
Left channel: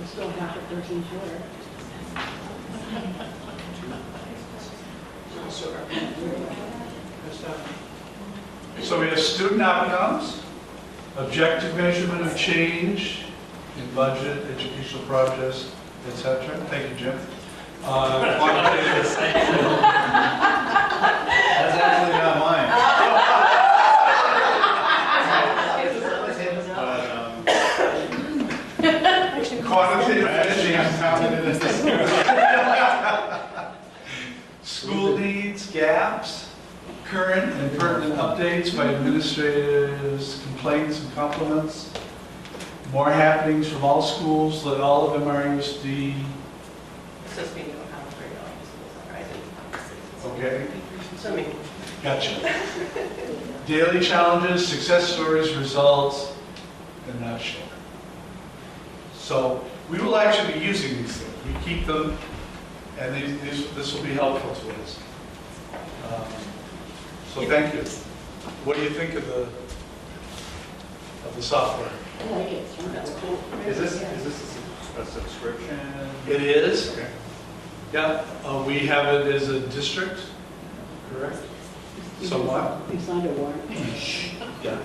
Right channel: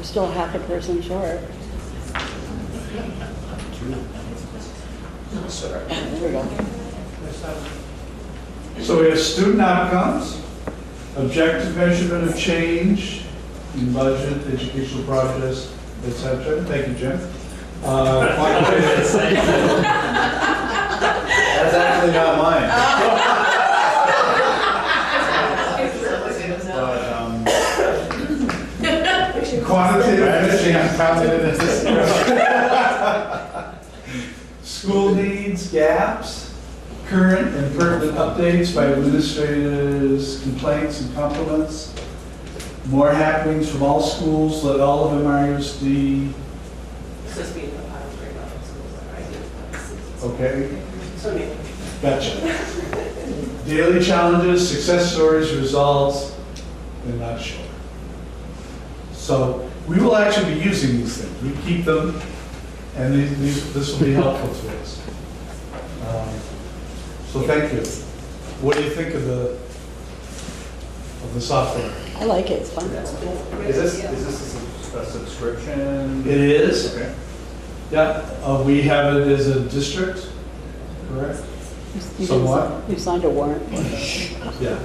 We're still half a person short. There we go. So we have student outcomes, objective measurement of change in budget, educational projects, et cetera. Thank you, Jim. Quantitative. That's actually not mine. Quantitative, I'm counting it as school needs, gaps, current and pertinent updates by administrators, complaints and compliments, more happenings from all schools, let all of MRUSD. So speaking of how to grade out schools, I did Okay, So me. gotcha. Daily challenges, success stories, results, they're not sure. So we will actually be using these things. We keep them, and this will be helpful to us. So thank you. What do you think of the software? I like it, it's fun. Is this a subscription? It is. Okay. Yeah, we have it as a district, correct? You Somewhat. You signed a warrant. Yeah.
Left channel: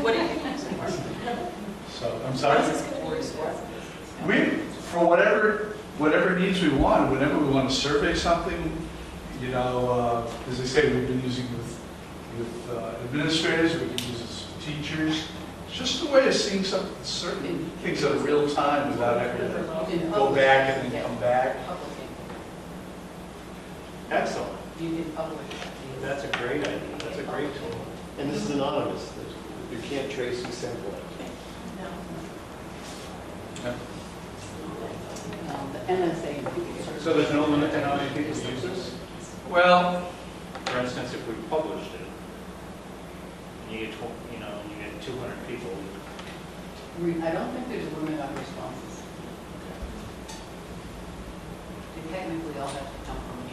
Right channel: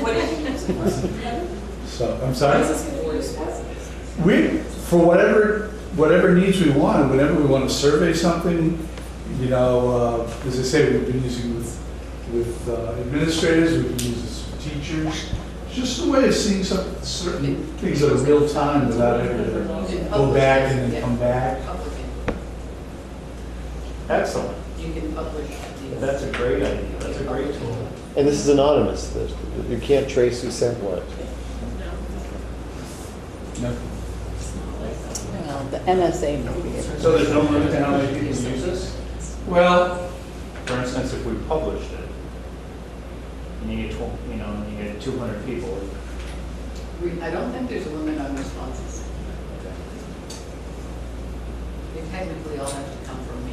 What do you think? So, I'm sorry? We, for whatever needs we want, whenever we want to survey something, you know, as I say, we've been using with administrators, we can use this with teachers. It's just a way of seeing certain things that are real time without having to go back and then come back. Excellent. You can publish. That's a great idea. That's a great tool. And this is anonymous, that you can't trace who sent what. Well, the NSA might be able So there's no limit to how many people use this? Well, For instance, if we published it, and you get, and you get 200 people, I don't think there's a limit on responses. They technically all have to come from me.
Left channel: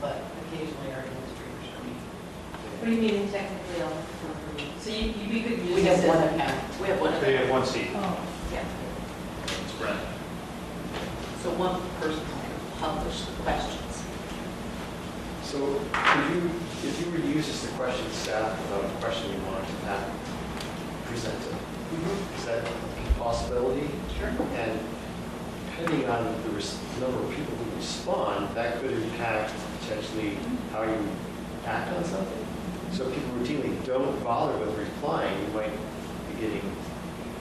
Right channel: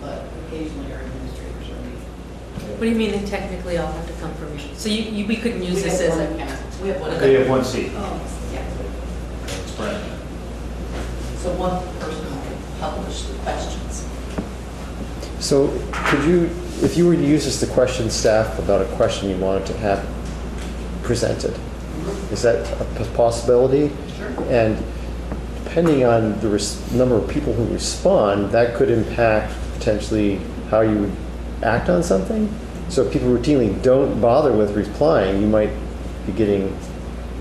But occasionally our administrators are me. What do you mean they technically all have to come from you? So we couldn't use We this have as one a... account. We have one they have account. one seat. Oh, yeah. It's Brenda. So one person will publish the questions. So could you, if you were to use this to question staff about a question you wanted to have presented, is that a possibility? Sure. And depending on the number of people who respond, that could impact potentially how you would act on something. So if people routinely don't bother with replying, you might be getting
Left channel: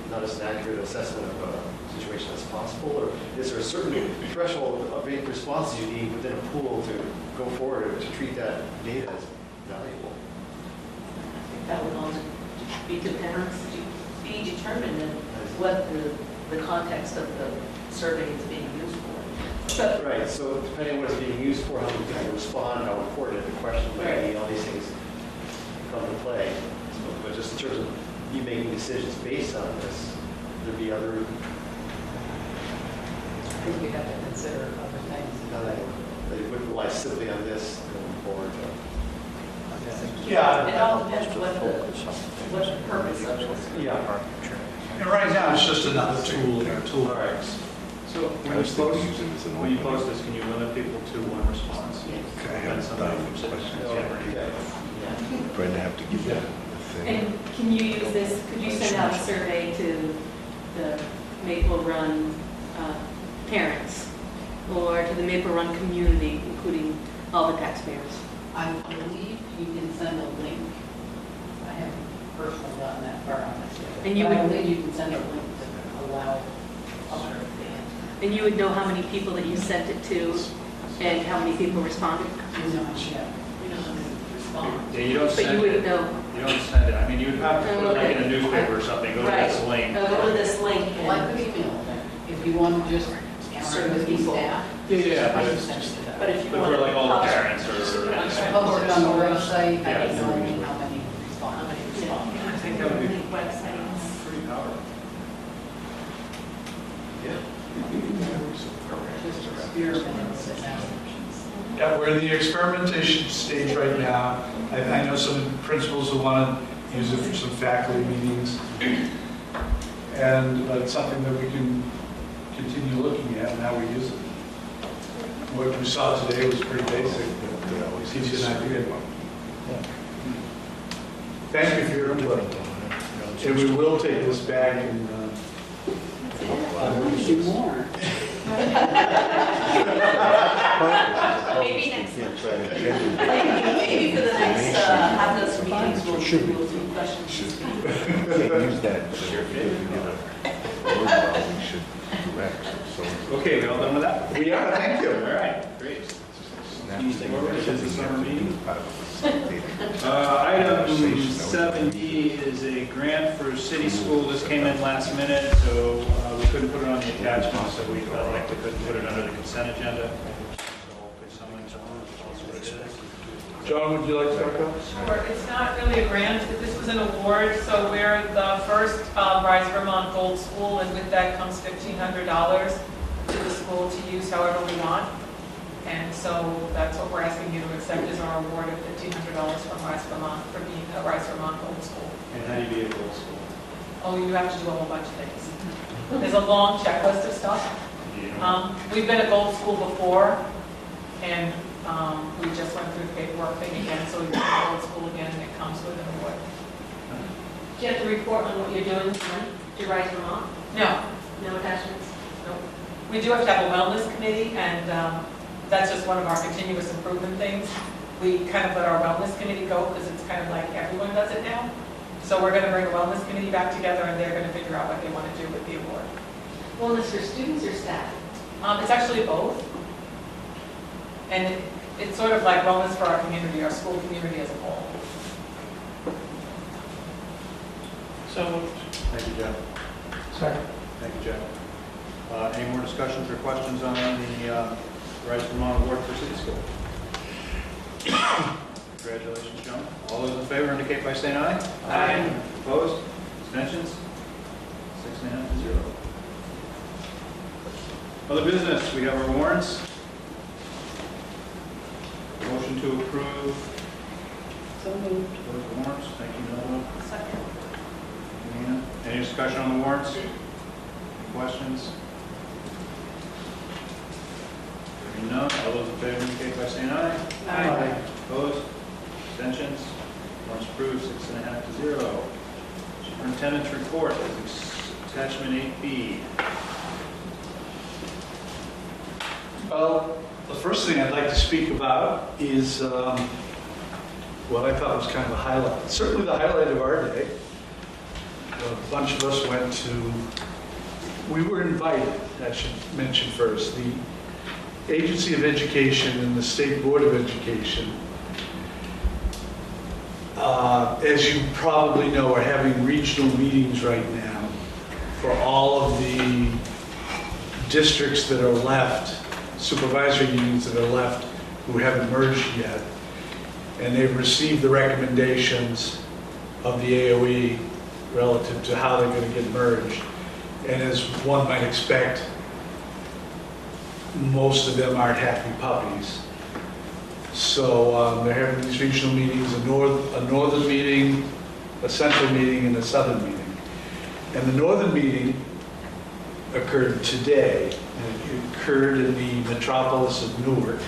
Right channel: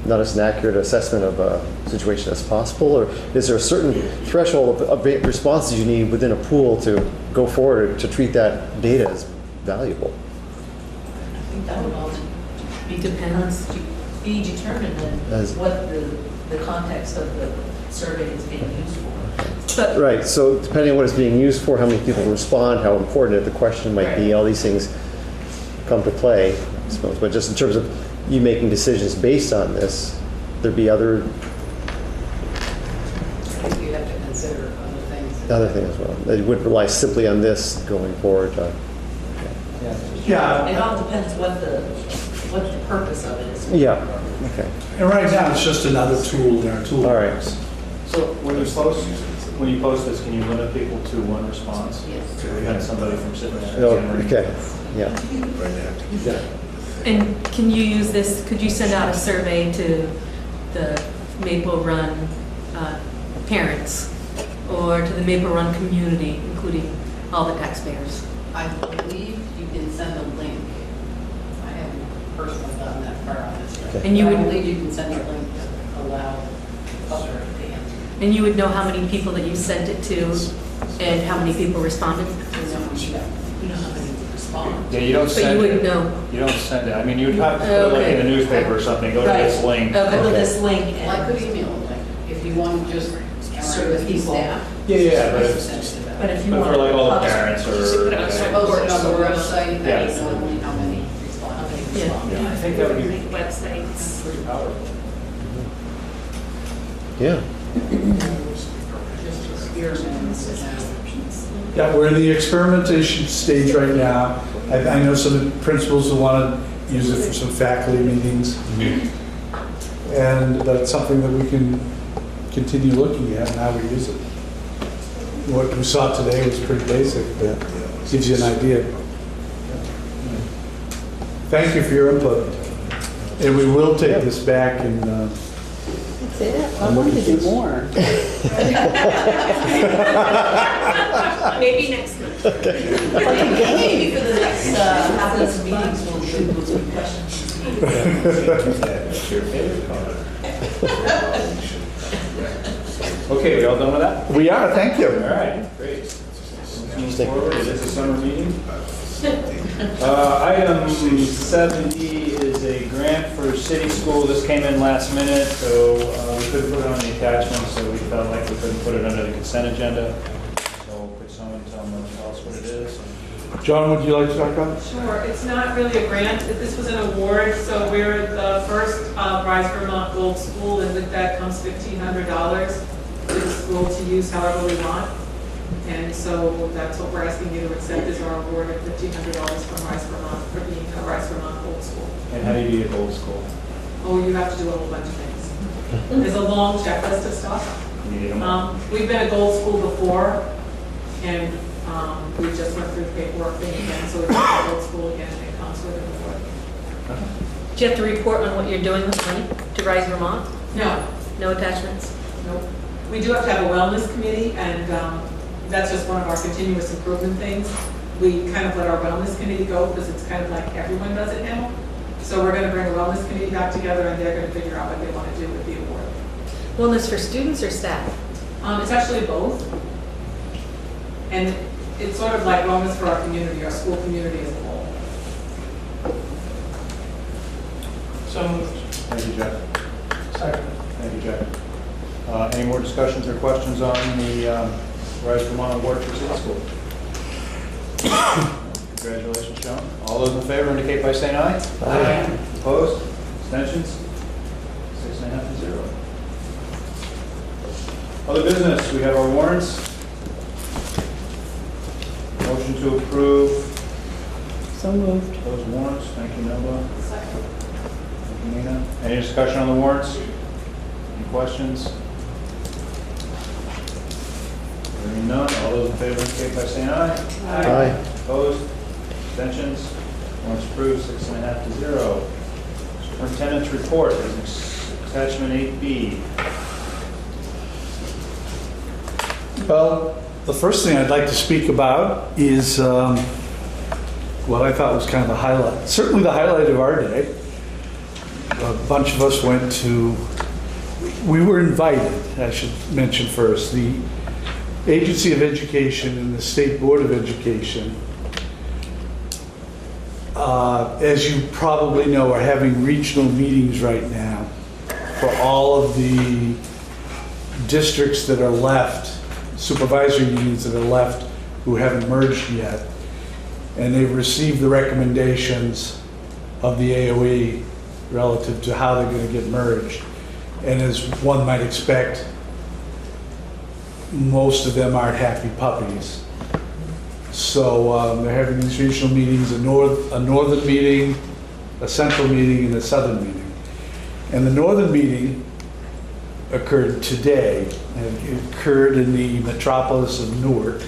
not as an accurate assessment of a situation as possible? Or is there a certain threshold of responses you need within a pool to go forward to treat that data as valuable? I think that would all be depends, be determined As- in what the context of the survey is being used for. But Right, so depending on what it's being used for, how many people respond, how important the question might be, all these things come to play, I suppose. But just in terms of you making decisions based on this, there'd be other You have to consider other things as well. That you wouldn't rely simply on this going forward. yeah, It all depends what the purpose of it is. Yeah. Okay. and right now it's just another tool in our toolbox. All right. So when you post this, can you limit people to one response? Yes. We had somebody from sitting there. Oh, okay. Yeah. and can you use this, could you send out a survey to the Maple Run parents or to the Maple Run community, including all the taxpayers? I believe you can send a link. I haven't personally done that far on this. Okay. And you I would- believe you can send a link to allow public to answer. And you would know how many people that you sent it to and how many people responded? We know how many respond. Yeah, you don't But you send wouldn't it. know. You don't send it. I mean, you would have to put like Okay. in a newspaper or something, go to this link. Go to this link Well, I could and, email a link if you want to just Certain people. staff. Yeah, but Just if- send it to them. but if you But want for like all the to... parents or. Post it on the website, Yeah. and tell me how many respond. Yeah. I think that would be Websites. pretty powerful. Yeah. Yeah, we're in the experimentation stage right now. I know some principals who want to use it for some faculty meetings. and that's something that we can continue looking at and how we use it. What we saw today was pretty basic, but gives you an idea. Thank you for your input. And we will take this back and, That's it. I wanted to do more. Maybe next month. Maybe for the next half dozen meetings, we'll do those good questions. Okay, we all done with that? we are, thank All you. right, great. Moving forward, it's a summer meeting. Item 7D is a grant for city school. This came in last minute, so we couldn't put it on the attachment, so we felt like we couldn't put it under the consent agenda. So could someone tell us what it is? John, would you like to talk about it? Sure, it's not really a grant, this was an award, so we're the first Rise Vermont Gold School, and with that comes $1,500 to the school to use however we want. And so that's what we're asking you to accept is our award of $1,500 from Rise Vermont, for being a Rise Vermont Gold School. And how do you be a gold school? Oh, you have to do a whole bunch of things. There's a long checklist of stuff. You don't- We've been a gold school before, and we just went through the paperwork thing again, so it's a gold school again, and it comes with an award. Do you have to report on what you're doing with money to Rise Vermont? No, No attachments? no. We do have to have a wellness committee, and that's just one of our continuous improvement things. We kind of let our wellness committee go because it's kind of like everyone does it now. So we're going to bring a wellness committee back together, and they're going to figure out what they want to do with the award. Wellness for students or staff? It's actually both. And it's sort of like wellness for our community, our school community as a whole. So moved. Thank you, Jeff. Second. Thank you, Jeff. Any more discussions or questions on the Rise Vermont Award for City School? Congratulations, John. All those in favor indicate by saying aye. Aye. Opposed? Abstentions? 6.5 to 0. Other business, we have our warrants. Motion to approve So moved. those warrants. Thank you, Noel. Nina, any discussion on the warrants? Any questions? Hearing none, all those in favor indicate by saying aye. Aye. Opposed? Abstentions? Warrants approved, 6.5 to 0. Superintendent's report, attachment 8B. Well, the first thing I'd like to speak about is what I thought was kind of the highlight, certainly the highlight of our day. A bunch of us went to, we were invited, I should mention first, the Agency of Education and the State Board of Education, as you probably know, are having regional meetings right now for all of the districts that are left, supervisory unions that are left who haven't merged yet. And they've received the recommendations of the AOE relative to how they're going to get merged. And as one might expect, most of them aren't happy puppies. So they're having these regional meetings, a northern meeting, a central meeting, and a southern meeting. And the northern meeting occurred today, and it occurred in the metropolis of Newark,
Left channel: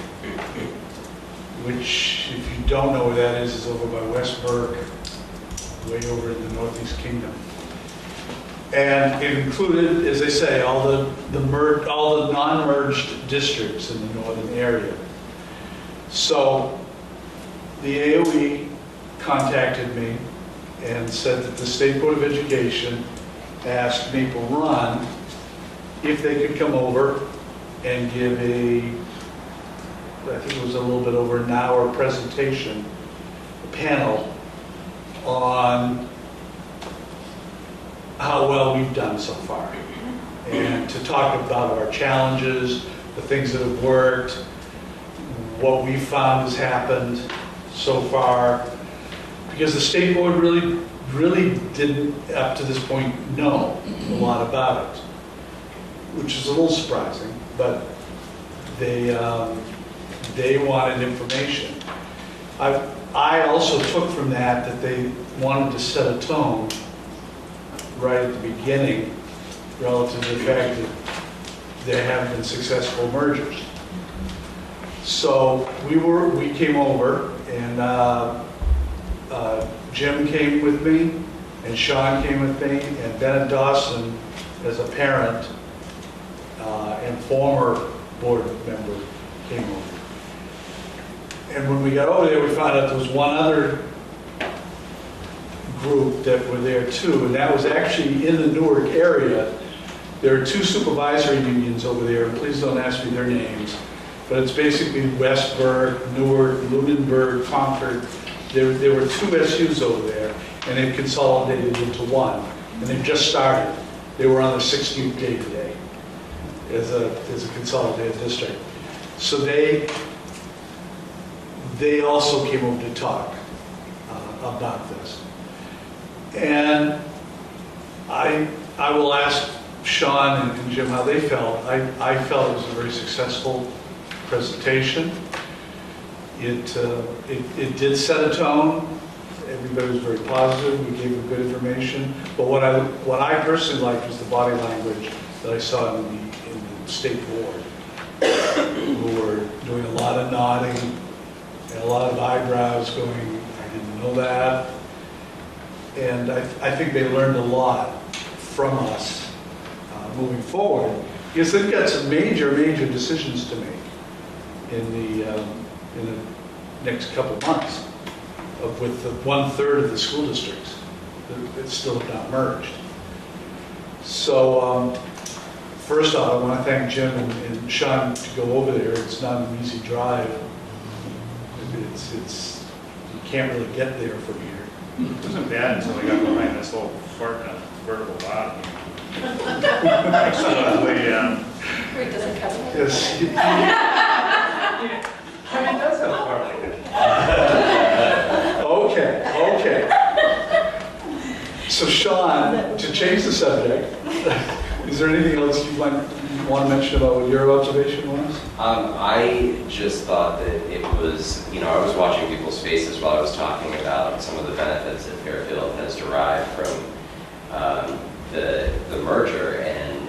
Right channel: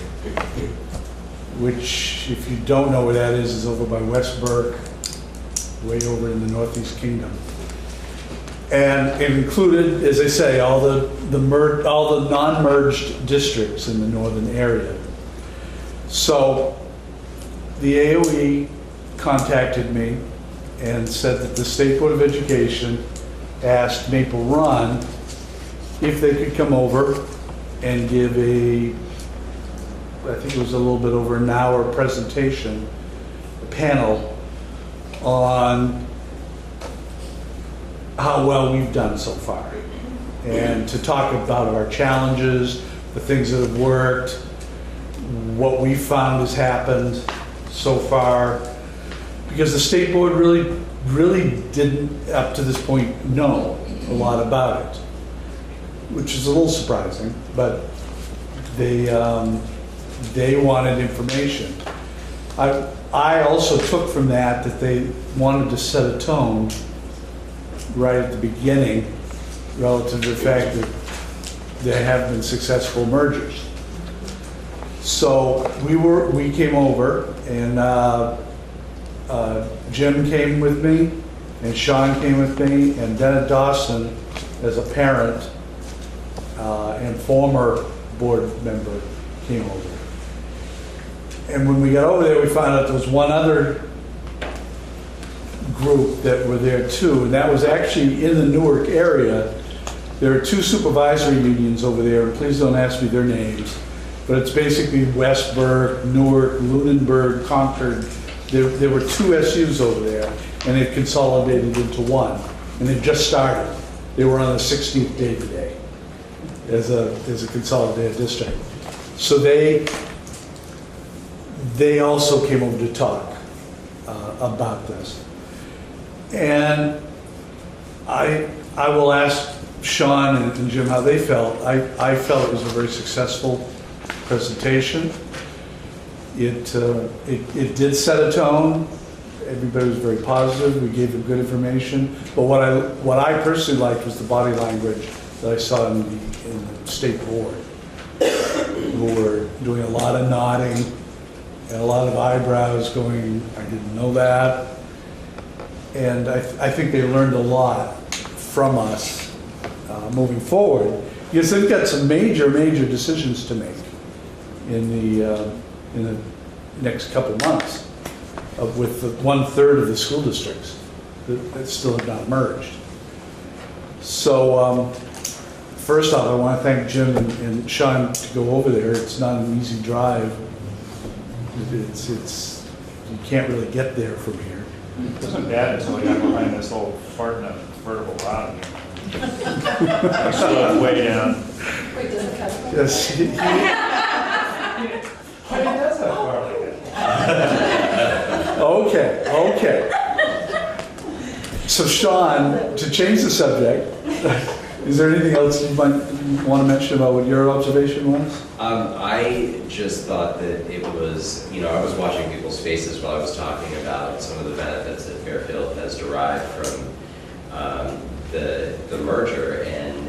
which, if you don't know where that is over by West Burke, way over in the Northeast Kingdom. And it included, as I say, all the non-merged districts in the northern area. So the AOE contacted me and said that the State Board of Education asked Maple Run if they could come over and give I think it was a little bit over an hour presentation, panel on how well we've done so far, and to talk about our challenges, the things that have worked, what we found has happened so far, because the state board really didn't, up to this point, know a lot about it, which is a little surprising, but they wanted information. I also took from that they wanted to set a tone right at the beginning relative to the fact that there have been successful mergers. So we came over, and Jim came with me, and Sean came with me, and Bennett Dawson, as a parent and former board member, came over. And when we got over there, we found out there was one other group that were there too, and that was actually in the Newark area. There are two supervisory unions over there, and please don't ask me their names, but it's basically Westburg, Newark, Lunenburg, Concord. There were two SUs over there, and they've consolidated into one, and they've just started. They were on the 16th day today as a consolidated district. So they also came over to talk about this. And I will ask Sean and Jim how they felt. I felt it was a very successful presentation. It did set a tone. Everybody was very positive. We gave them good information. But what I personally liked was the body language that I saw in the state board, who were doing a lot of nodding and a lot of eyebrows going, I didn't know that. And I think they learned a lot from us moving forward, because they've got some major decisions to make in the next couple of months with the 1/3 of the school districts that still have not merged. So first off, I want to thank Jim and Sean to go over there. It's not an easy drive. It's you can't really get there from here. It wasn't bad until we got behind this whole vertical lot. I saw that way down. Wait, does it count? Yes. He does have a car like that. Okay. So Sean, to change the subject, is there anything else you might want to mention about what your observation was? I just thought that it was, I was watching people's faces while I was talking about some of the benefits that Fairfield has derived from the merger, and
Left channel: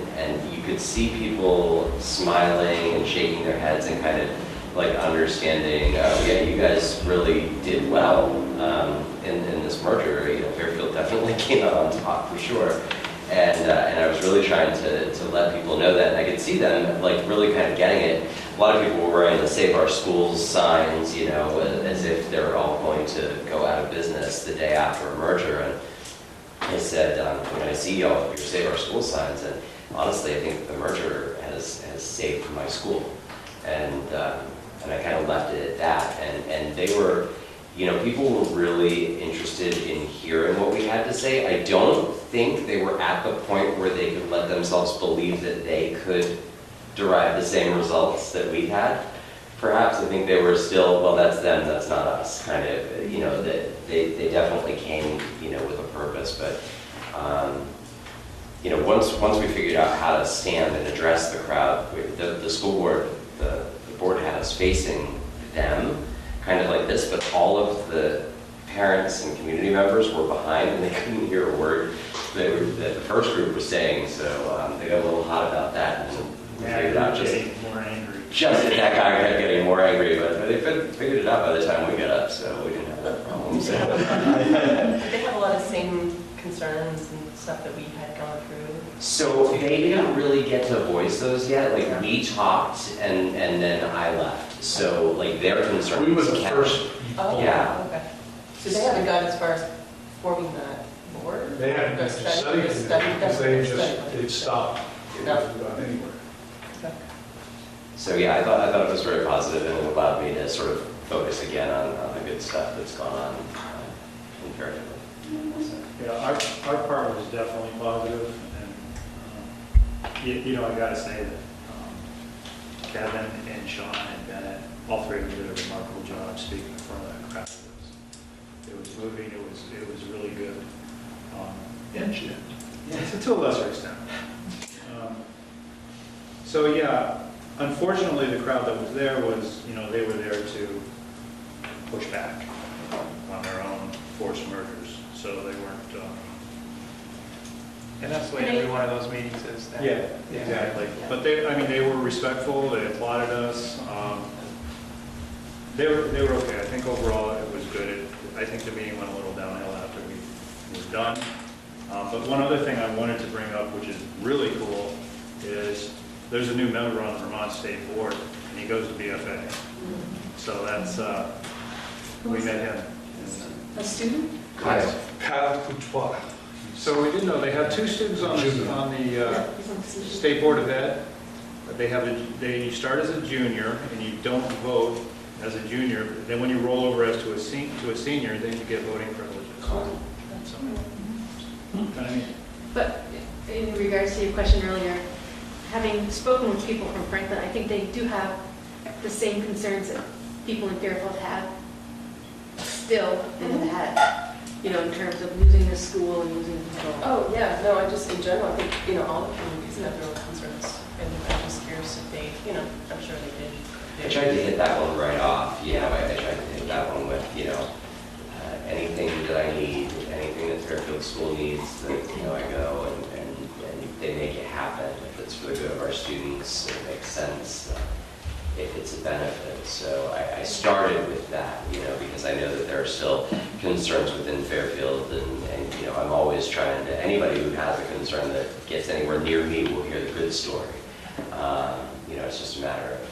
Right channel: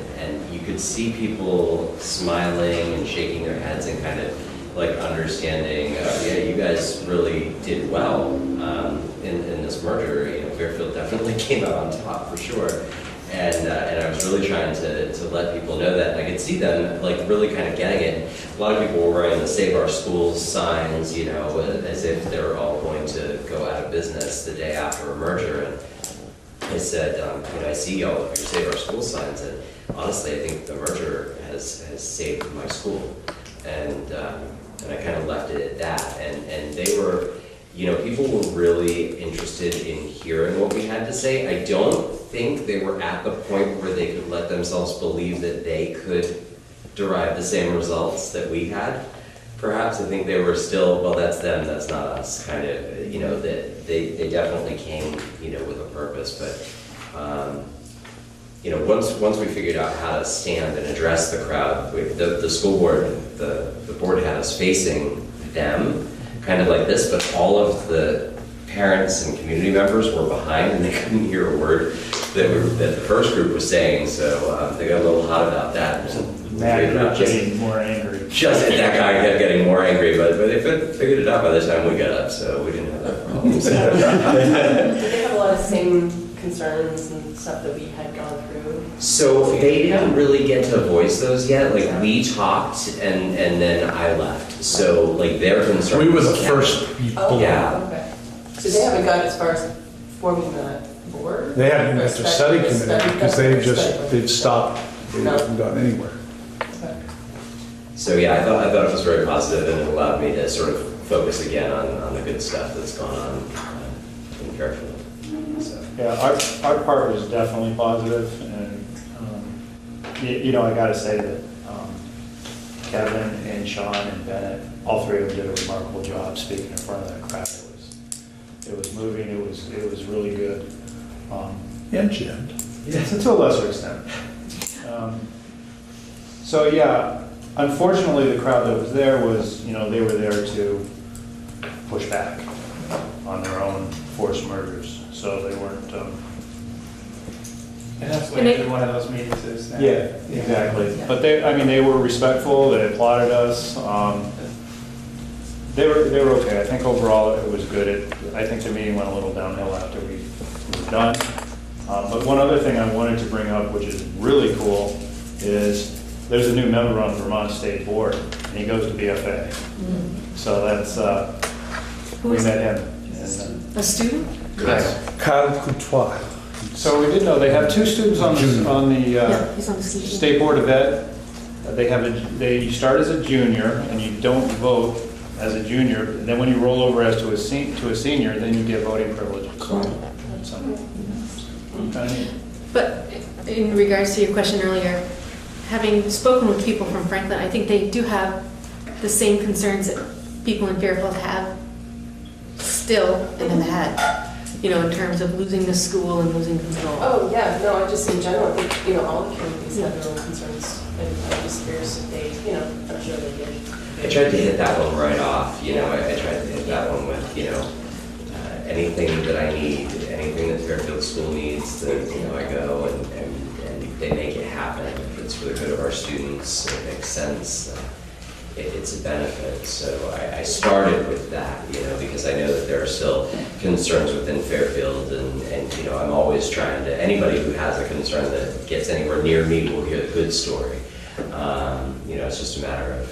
you could see people smiling and shaking their heads and kind of like understanding, yeah, you guys really did well in this merger. Fairfield definitely came out on top for sure. And I was really trying to let people know that, and I could see them like really kind of getting it. A lot of people were wearing the Save Our Schools signs, as if they're all going to go out of business the day after a merger. And I said, I see all of your Save Our Schools signs, and honestly, I think the merger has saved my school. And I kind of left it at that. And they were, people were really interested in hearing what we had to say. I don't think they were at the point where they could let themselves believe that they could derive the same results that we had. Perhaps I think they were still, well, that's them, that's not us, kind of, that they definitely came, with a purpose. But, once we figured out how to stand and address the crowd, the school board, the board had us facing them, kind of like this, but all of the parents and community members were behind, and they couldn't hear a word that the first group was saying, so they got a little hot about that. And Matt getting more angry. Just that guy kept getting more angry, but they figured it out by the time we got up, so we didn't have that problem. Did they have a lot of same concerns and stuff that we had gone through? So they didn't really get to voice those yet. Like, we talked, and then I left. So, like, their concerns. We were the kept- first. Oh, Yeah. okay. So they haven't gone as far as forming that board? They haven't met the study committee because they've stopped. They No. haven't gone anywhere. So yeah, I thought it was very positive, and it allowed me to sort of focus again on the good stuff that's gone on in Fairfield. So. Yeah, our part was definitely positive, and I got to say that Kevin and Sean and Bennett, all three of them did a remarkable job speaking in front of the crowd. It was moving. It was really good. And Jim. Yes, to a lesser extent. So yeah, unfortunately, the crowd that was there was, they were there to push back on their own forced murders. So they weren't And that's what And they- every one of those meetings is now. Yeah. Exactly. But they, I mean, they were respectful, they applauded us. They were okay. I think overall it was good. I think the meeting went a little downhill after we were done. But one other thing I wanted to bring up, which is really cool, is there's a new member on the Vermont State Board, and he goes to BFA. So that's, Who we is met him. A student? Kyle. Kyle Coutois. So we did know, they have 2 students on the Yeah, he's on the student. State Board of Ed. They start as a junior, and you don't vote as a junior. And then when you roll over as to a senior, then you get voting privilege. Cool. Kinda neat. But in regards to your question earlier, having spoken with people from Franklin, I think they do have the same concerns that people in Fairfield have still and have had, you know, in terms of losing the school and losing control. Oh, yeah, no, I just, in general, I think, you know, all the communities have their own concerns, and I'm just curious if they, you know, I'm sure they did. I tried to hit that one right off, you know, I tried to hit that one with, you know, anything that I need, anything that Fairfield School needs, that, you know, I go and they make it happen. If it's for the good of our students, it makes sense, it's a benefit. So I started with that, you know, because I know that there are still concerns within Fairfield, and you know, I'm always trying to, anybody who has a concern that gets anywhere near me will hear the good story. You know, it's just a matter of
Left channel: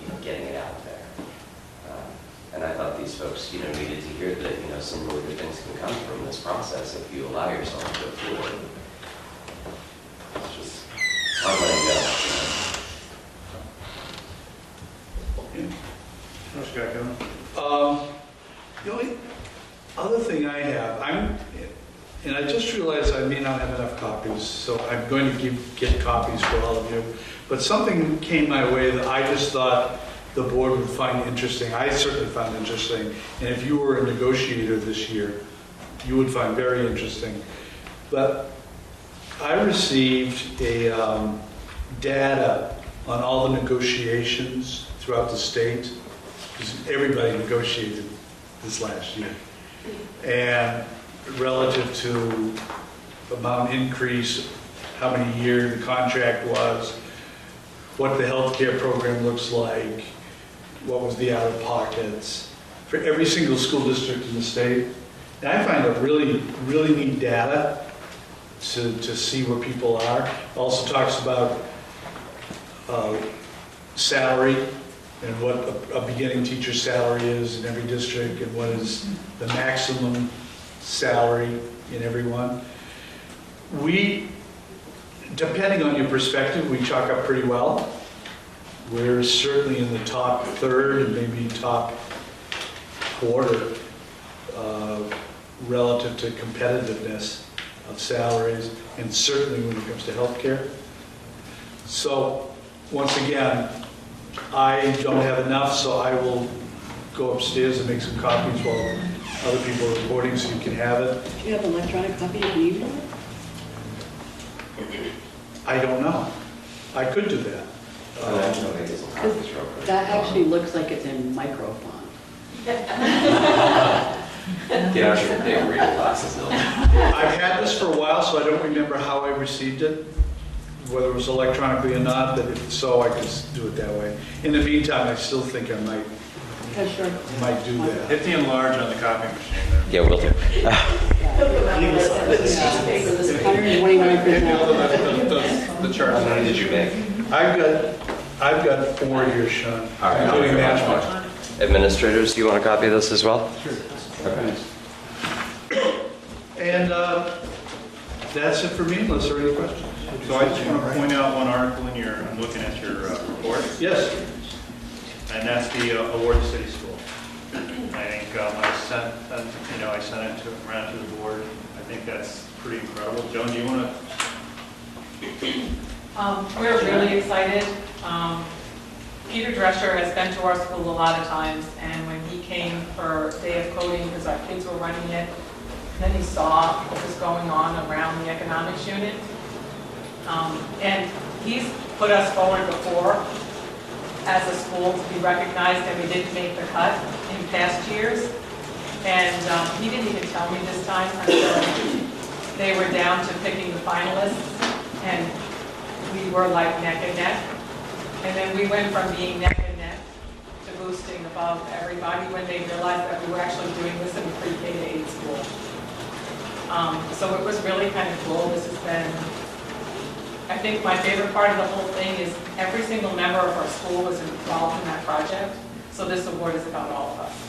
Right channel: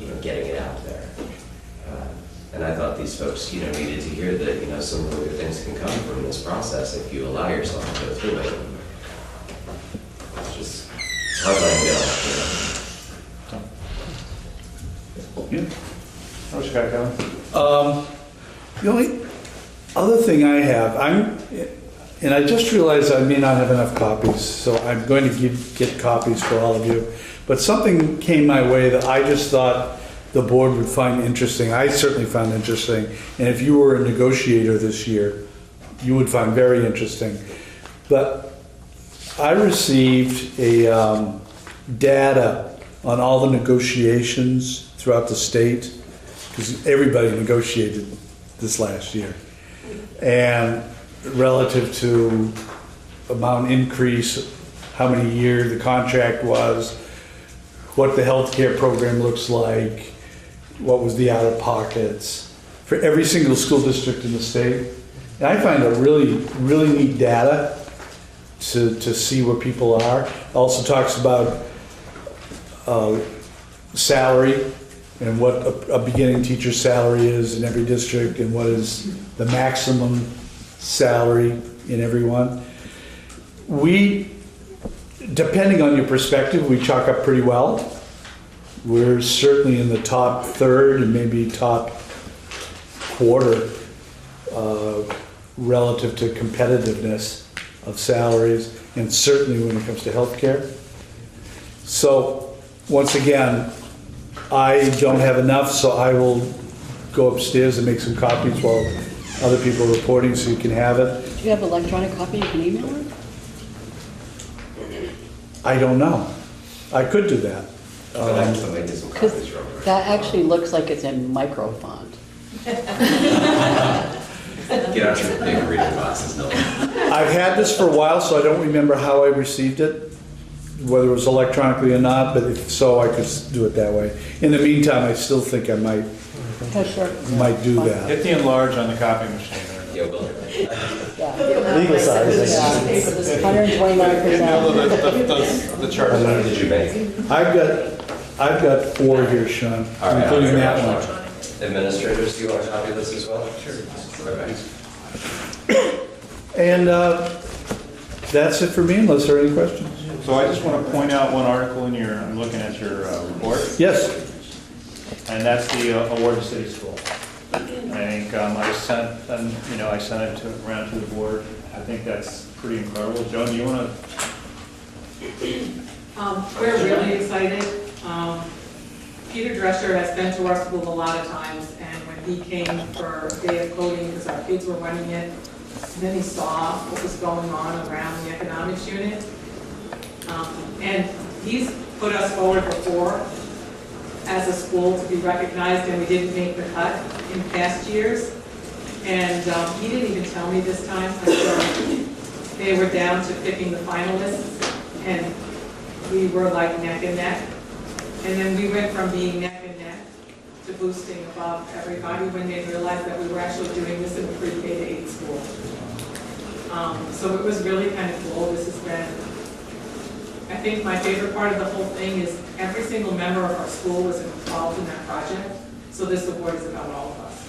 you know, getting it out there. And I thought these folks, you know, needed to hear that, you know, some really good things can come from this process if you allow yourself to go through it. It's just, how let it go, you know? What you got, Kevin? The only other thing I have, and I just realized I may not have enough copies, so I'm going to get copies for all of you. But something came my way that I just thought the board would find interesting. I certainly found interesting. And if you were a negotiator this year, you would find very interesting. But I received a data on all the negotiations throughout the state, because everybody negotiated this last year. And relative to amount increase, how many years the contract was, what the healthcare program looks like, what was the out-of-pockets for every single school district in the state. And I find it really, really neat data to see where people are. Also talks about salary and what a beginning teacher's salary is in every district and what is the maximum salary in every one. We, depending on your perspective, we chalk up pretty well. We're certainly in the top third and maybe top quarter relative to competitiveness of salaries, and certainly when it comes to healthcare. So once again, I don't have enough, so I will go upstairs and make some copies while other people are reporting, so you can have it. Do you have an electronic copy you can email it? I don't know. I could do that. Because that actually looks like it's in micro font. Get out your big reading glasses, no. I've had this for a while, so I don't remember how I received it, whether it was electronically or not, but if so, I could do it that way. In the meantime, I still think I might do that. Hit the enlarge on the copy machine. Yeah, we'll do. Legal size. It's 129%. The chart. How many did you make? I've got 4 here, Sean, All right, including I'll that try. one. Administrators, do you want a copy of this as well? Sure. Okay. And that's it for me, unless there are any questions. So I just want to point out one article in your, I'm looking at your report, Yes. and that's the award to City School. I think I sent them, you know, I sent it around to the board. I think that's pretty incredible. Joan, do you want to? We're really excited. Peter Drescher has been to our school a lot of times, and when he came for day of coding, because our kids were running it, then he saw what was going on around the economics unit. And he's put us forward before as a school to be recognized, and we didn't make the cut in past years. And he didn't even tell me this time until they were down to picking the finalists, and we were like neck and neck. And then we went from being neck and neck to boosting above everybody when they realized that we were actually doing this in the pre-K to 8 school. So it was really kind of cool. This has been, I think my favorite part of the whole thing is every single member of our school was involved in that project. So this award is about all of us.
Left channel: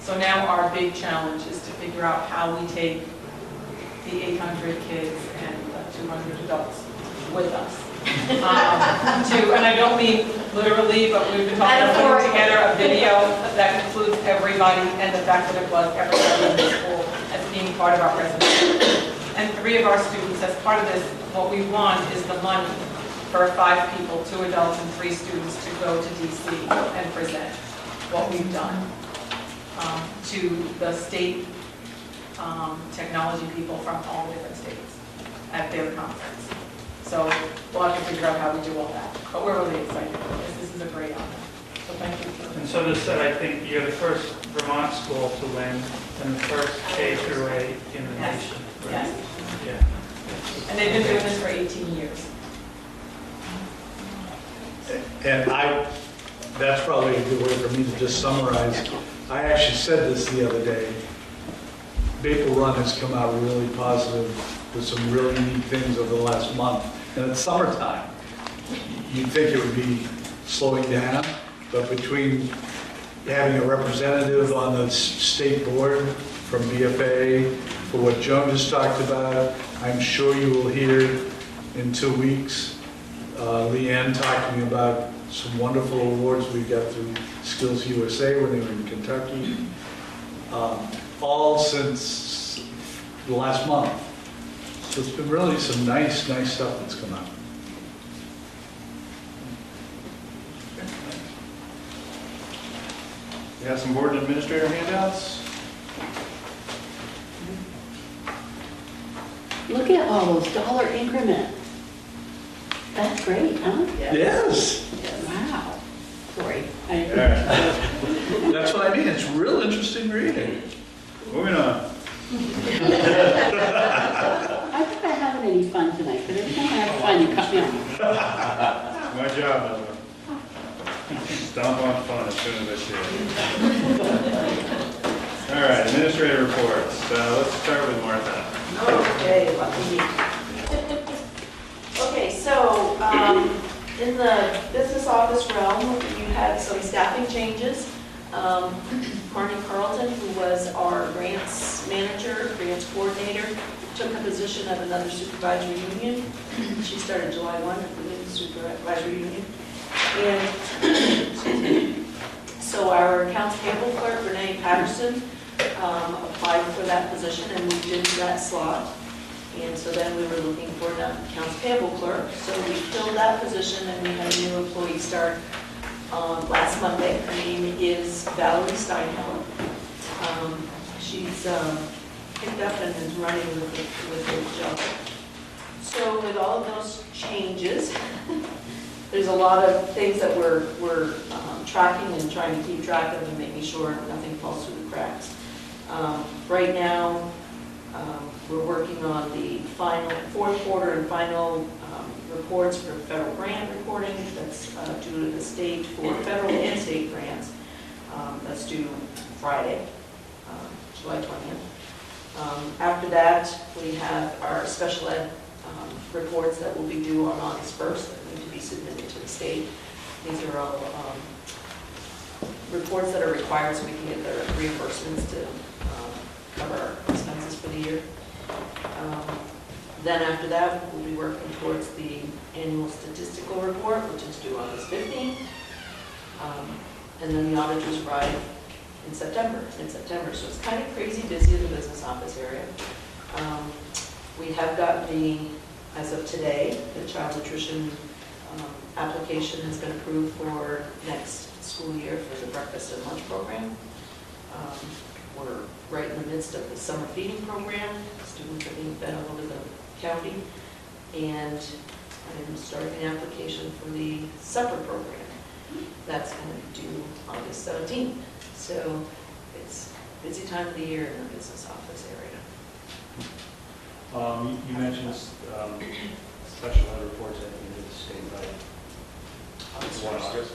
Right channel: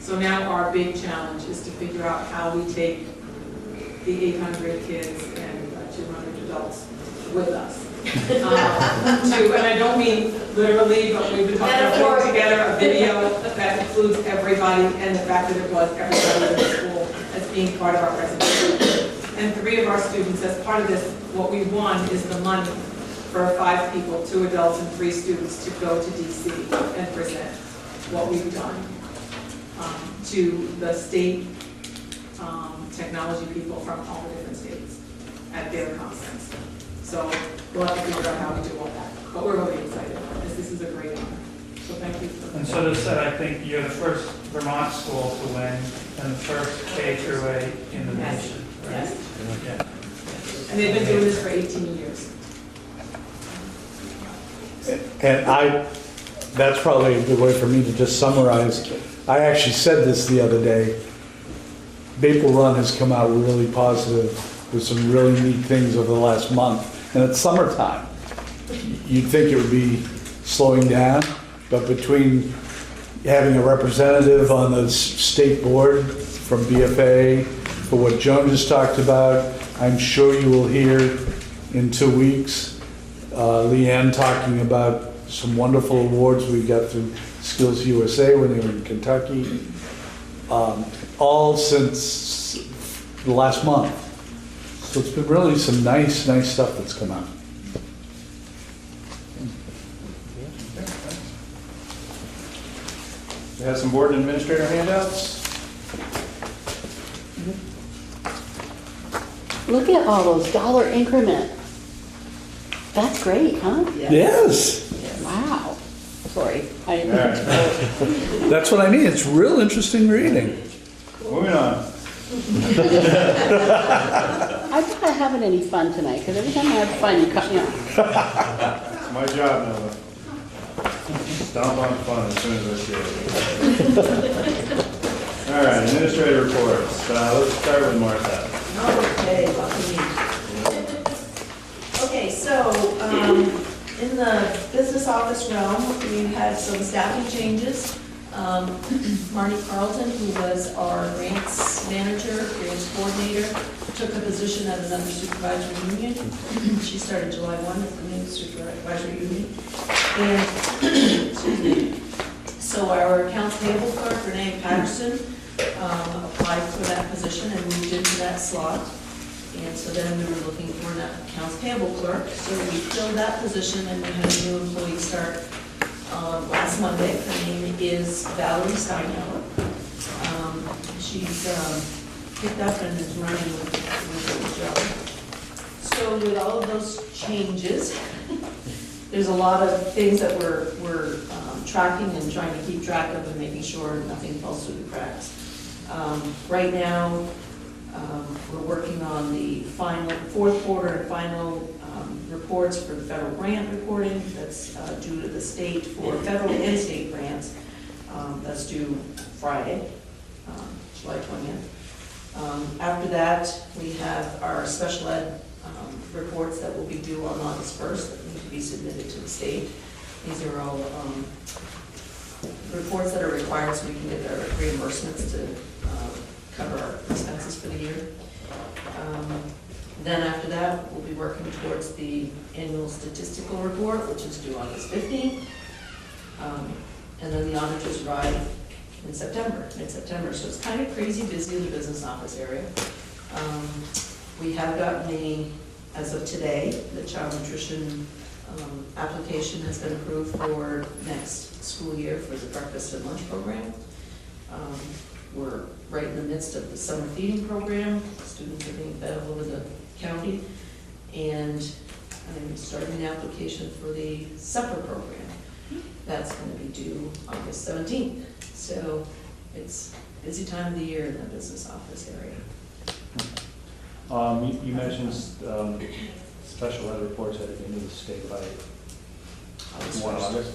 So now our big challenge is to figure out how we take the 800 kids and the 200 adults with us. And I don't mean literally, but we've been talking about putting together a video that includes everybody and the fact that it was everybody in the school as being part of our presentation. And 3 of our students, as part of this, what we won is the money for 5 people, 2 adults and 3 students, to go to DC and present what we've done to the state technology people from all the different states at their conference. So we'll have to figure out how we do all that. But we're really excited because this is a great honor. So thank you. And so to said, I think you're the first Vermont school to win and the first K through 8 in the Yes. nation. Yes. Okay. And they've been doing this for 18 years. And that's probably a good way for me to just summarize. I actually said this the other day. Maple Run has come out really positive with some really neat things over the last month. And it's summertime. You'd think it would be slowing down, but between having a representative on the state board from BFA, for what Joan just talked about, I'm sure you will hear in 2 weeks, Leanne talking about some wonderful awards we got through Skills USA when they were in Kentucky, all since the last month. So it's been really some nice stuff that's come out. We have some board and administrator handouts. Look at all those dollar increment. That's great, huh? Yes. Wow. Sorry. I All right. That's what I mean. It's real interesting reading. Moving on. I'm not having any fun tonight, because every time I have fun, you cut me off. It's my job, Nova. Stomp on fun as soon as I see it. All right, administrator reports. Let's start with Martha. Okay, lucky me. Okay, so in the business office realm, we had some staffing changes. Marnie Carlton, who was our grants manager, grants coordinator, took a position at another supervisory union. She started July 1 at the Vermont Supervisory Union. And excuse me. So our accounts payable clerk, Renee Patterson, applied for that position and moved into that slot. And so then we were looking for an accounts payable clerk. So we filled that position and we had a new employee start last Monday. Her name is Valerie Steinheller. She's picked up and is running with the job. So with all of those changes, there's a lot of things that we're tracking and trying to keep track of and making sure nothing falls through the cracks. Right now, we're working on the final fourth quarter and final reports for federal grant reporting that's due to the state for federal and state grants. That's due Friday, July 20th. After that, we have our special ed reports that will be due on August 1st that need to be submitted to the state. These are all reports that are required so we can get their reimbursements to cover our expenses for the year. Then after that, we'll be working towards the annual statistical report, which is due August 15th. And then the auditors arrive in September, mid-September. So it's kind of crazy busy in the business office area. We have gotten as of today, the child nutrition application has been approved for next school year for the breakfast and lunch program. We're right in the midst of the summer feeding program. Students are being fed all over the county. And I'm starting the application for the supper program. That's going to be due August 17th. So it's a busy time of the year in the business office area. You mentioned special ed reports at the end of the state by 1 August.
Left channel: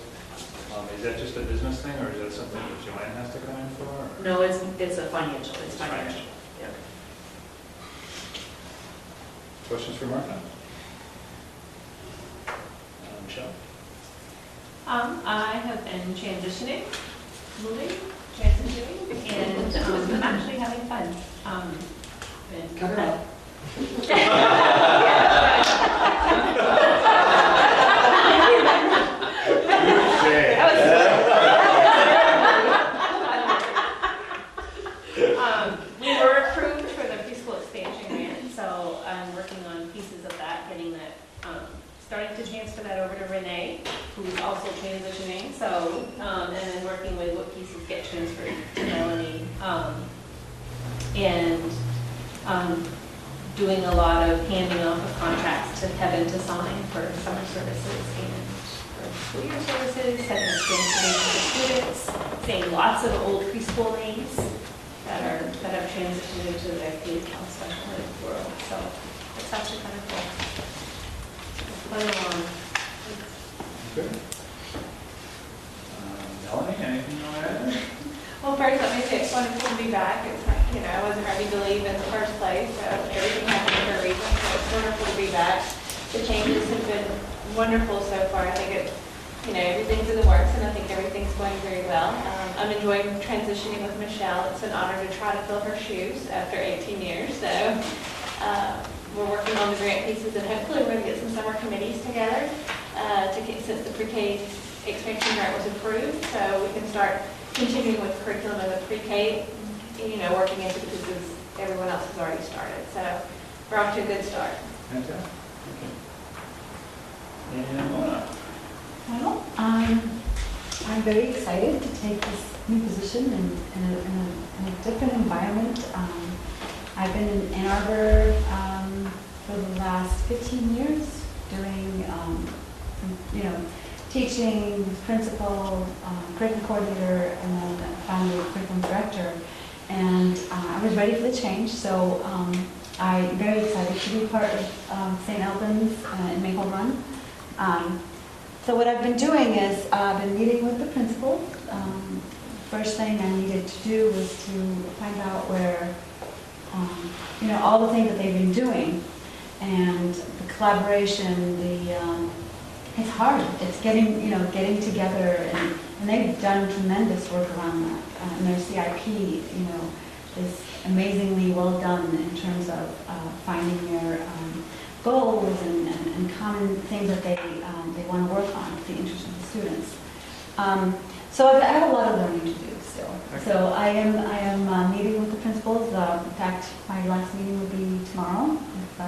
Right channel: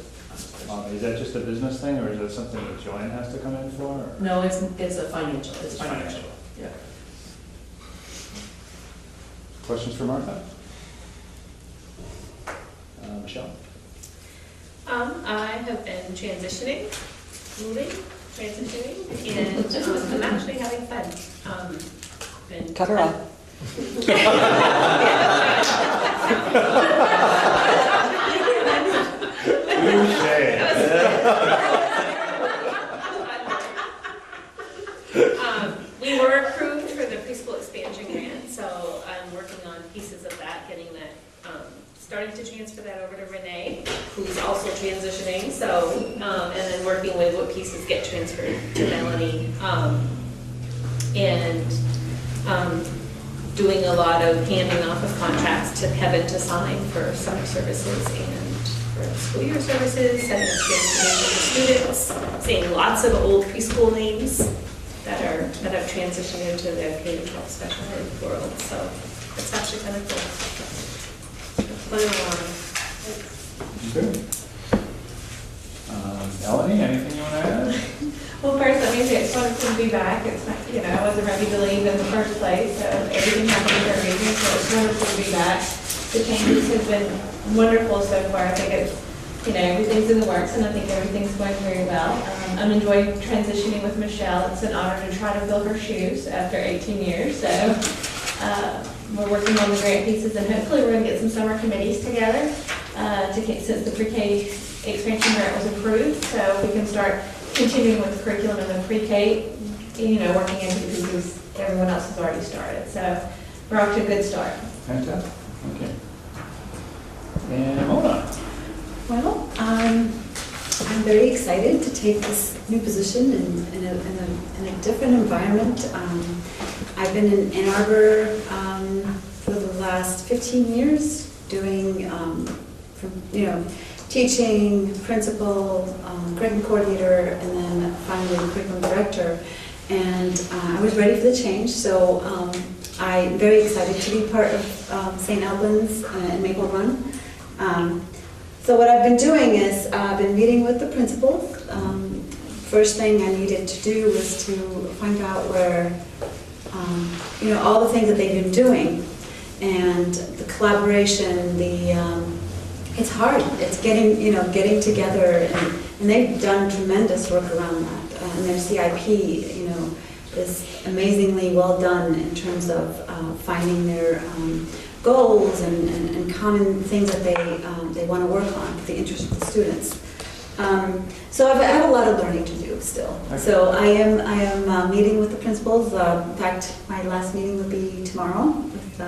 Is that just a business thing, or is that something that Joanne has to come in for? Or? No, it's a financial, it's financial. Yeah. Questions for Martha? Michelle? I have been transitioning, and I'm actually having fun. Cut her off. We were approved for the preschool expansion grant, so I'm working on pieces of that, getting that, starting to transfer that over to Renee, who's also transitioning, so, and then working with what pieces get transferred to Melanie, and doing a lot of handing off of contracts to Kevin to sign for summer services and for school year services, setting up transportation for students, seeing lots of old preschool names that have transitioned into the K-12 special ed world. So that's actually kind of cool. Playing along. Good. Melanie, anything you want to add? Well, first, let me say it's wonderful to be back. It's not, I wasn't ready to leave in the first place, so everything happened for a reason, so it's wonderful to be back. The changes have been wonderful so far. I think it's, everything's in the works, and I think everything's going very well. I'm enjoying transitioning with Michelle. It's an honor to try to fill her shoes after 18 years, so we're working on the grant pieces, and hopefully we're going to get some summer committees together since the pre-K expansion grant was approved, so we can start continuing with the curriculum in the pre-K, working into the pieces everyone else has already started. So we're off to a good start. Fantastic. Okay. And Mona. Well, I'm very excited to take this new position in a different environment. I've been in Ann Arbor for the last 15 years, doing, teaching, principal, curriculum coordinator, and then finally curriculum director. And I was ready for the change, so I'm very excited to be part of St. Albans and Maple Run. So what I've been doing is I've been meeting with the principals. First thing I needed to do was to find out where, all the things that they've been doing, and the collaboration, it's hard. It's getting together, and they've done tremendous work around that. And their CIP, is amazingly well done in terms of finding their goals and common things that they want to work on for the interest of the students. So I have a lot of learning to do still. So I am meeting with the principals. In fact, my last meeting will be tomorrow with,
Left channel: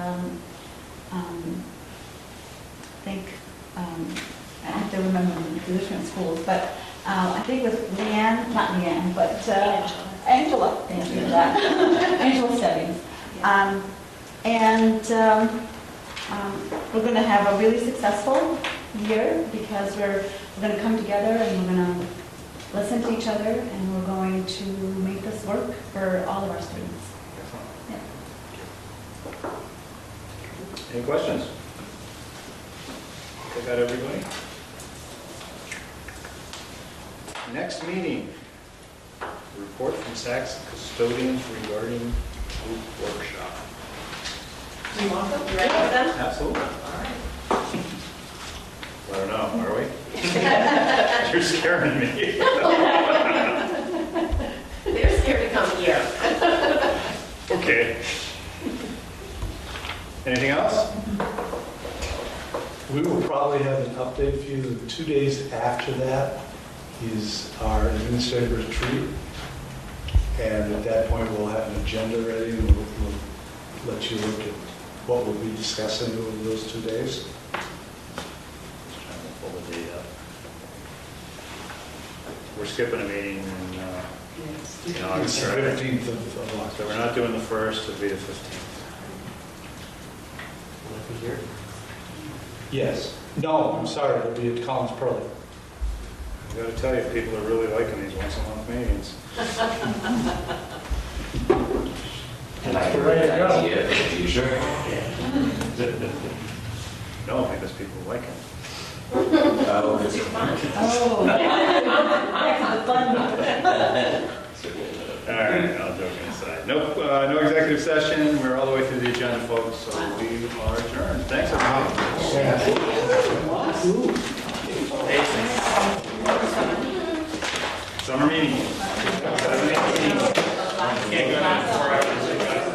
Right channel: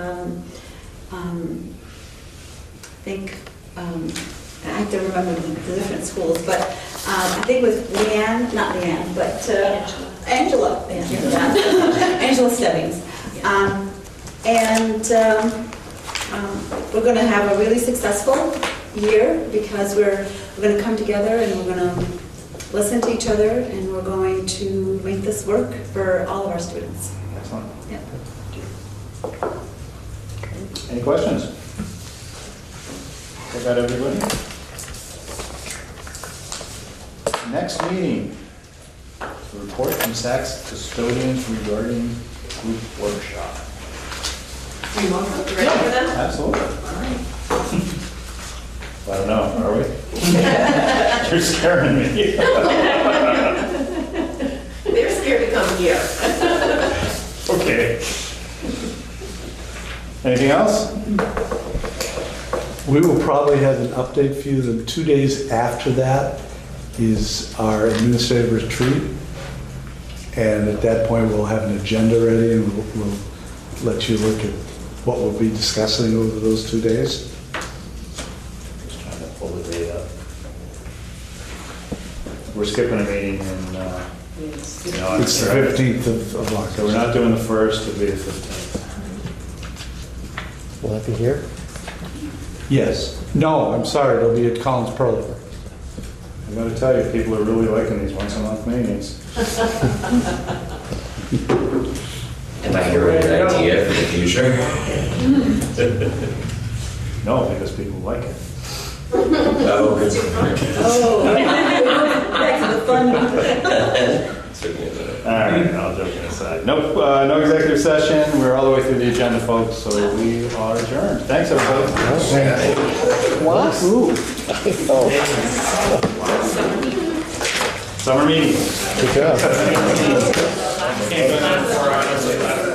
I have to remember the different schools, but I think with Angela, thank you for that, Angela Stebbings. We're going to have a really successful year because we're going to come together and we're going to listen to each other, and we're going to make this work for all of our students. Excellent. Yeah. Any questions? Was that everybody? Next meeting, report from SACS custodians regarding group workshop. Ready for that? Absolutely. All right. I don't know, are we? You're scaring me. They're scared to come here. Okay. Anything else? We will probably have an update for you. The 2 days after that is our administrative retreat. And at that point, we'll have an agenda ready, and we'll let you look at what we'll be discussing over those 2 days. Just trying to pull the date up. We're skipping a meeting and, It's the 15th of August. so we're not doing the 1st, it'll be the 15th. Will that be here? Yes. No, I'm sorry, it'll be at Collins Pearl. I gotta tell you, people are really liking these once a month meetings. And Might be a good idea for the future. No, because people like it. Oh, good. Back to the fun. All right, I'll joke aside. Nope, no executive session. We're all the way through the agenda, folks, so we are adjourned. Thanks, everybody. Summer meeting. Good job. Can't go that far out.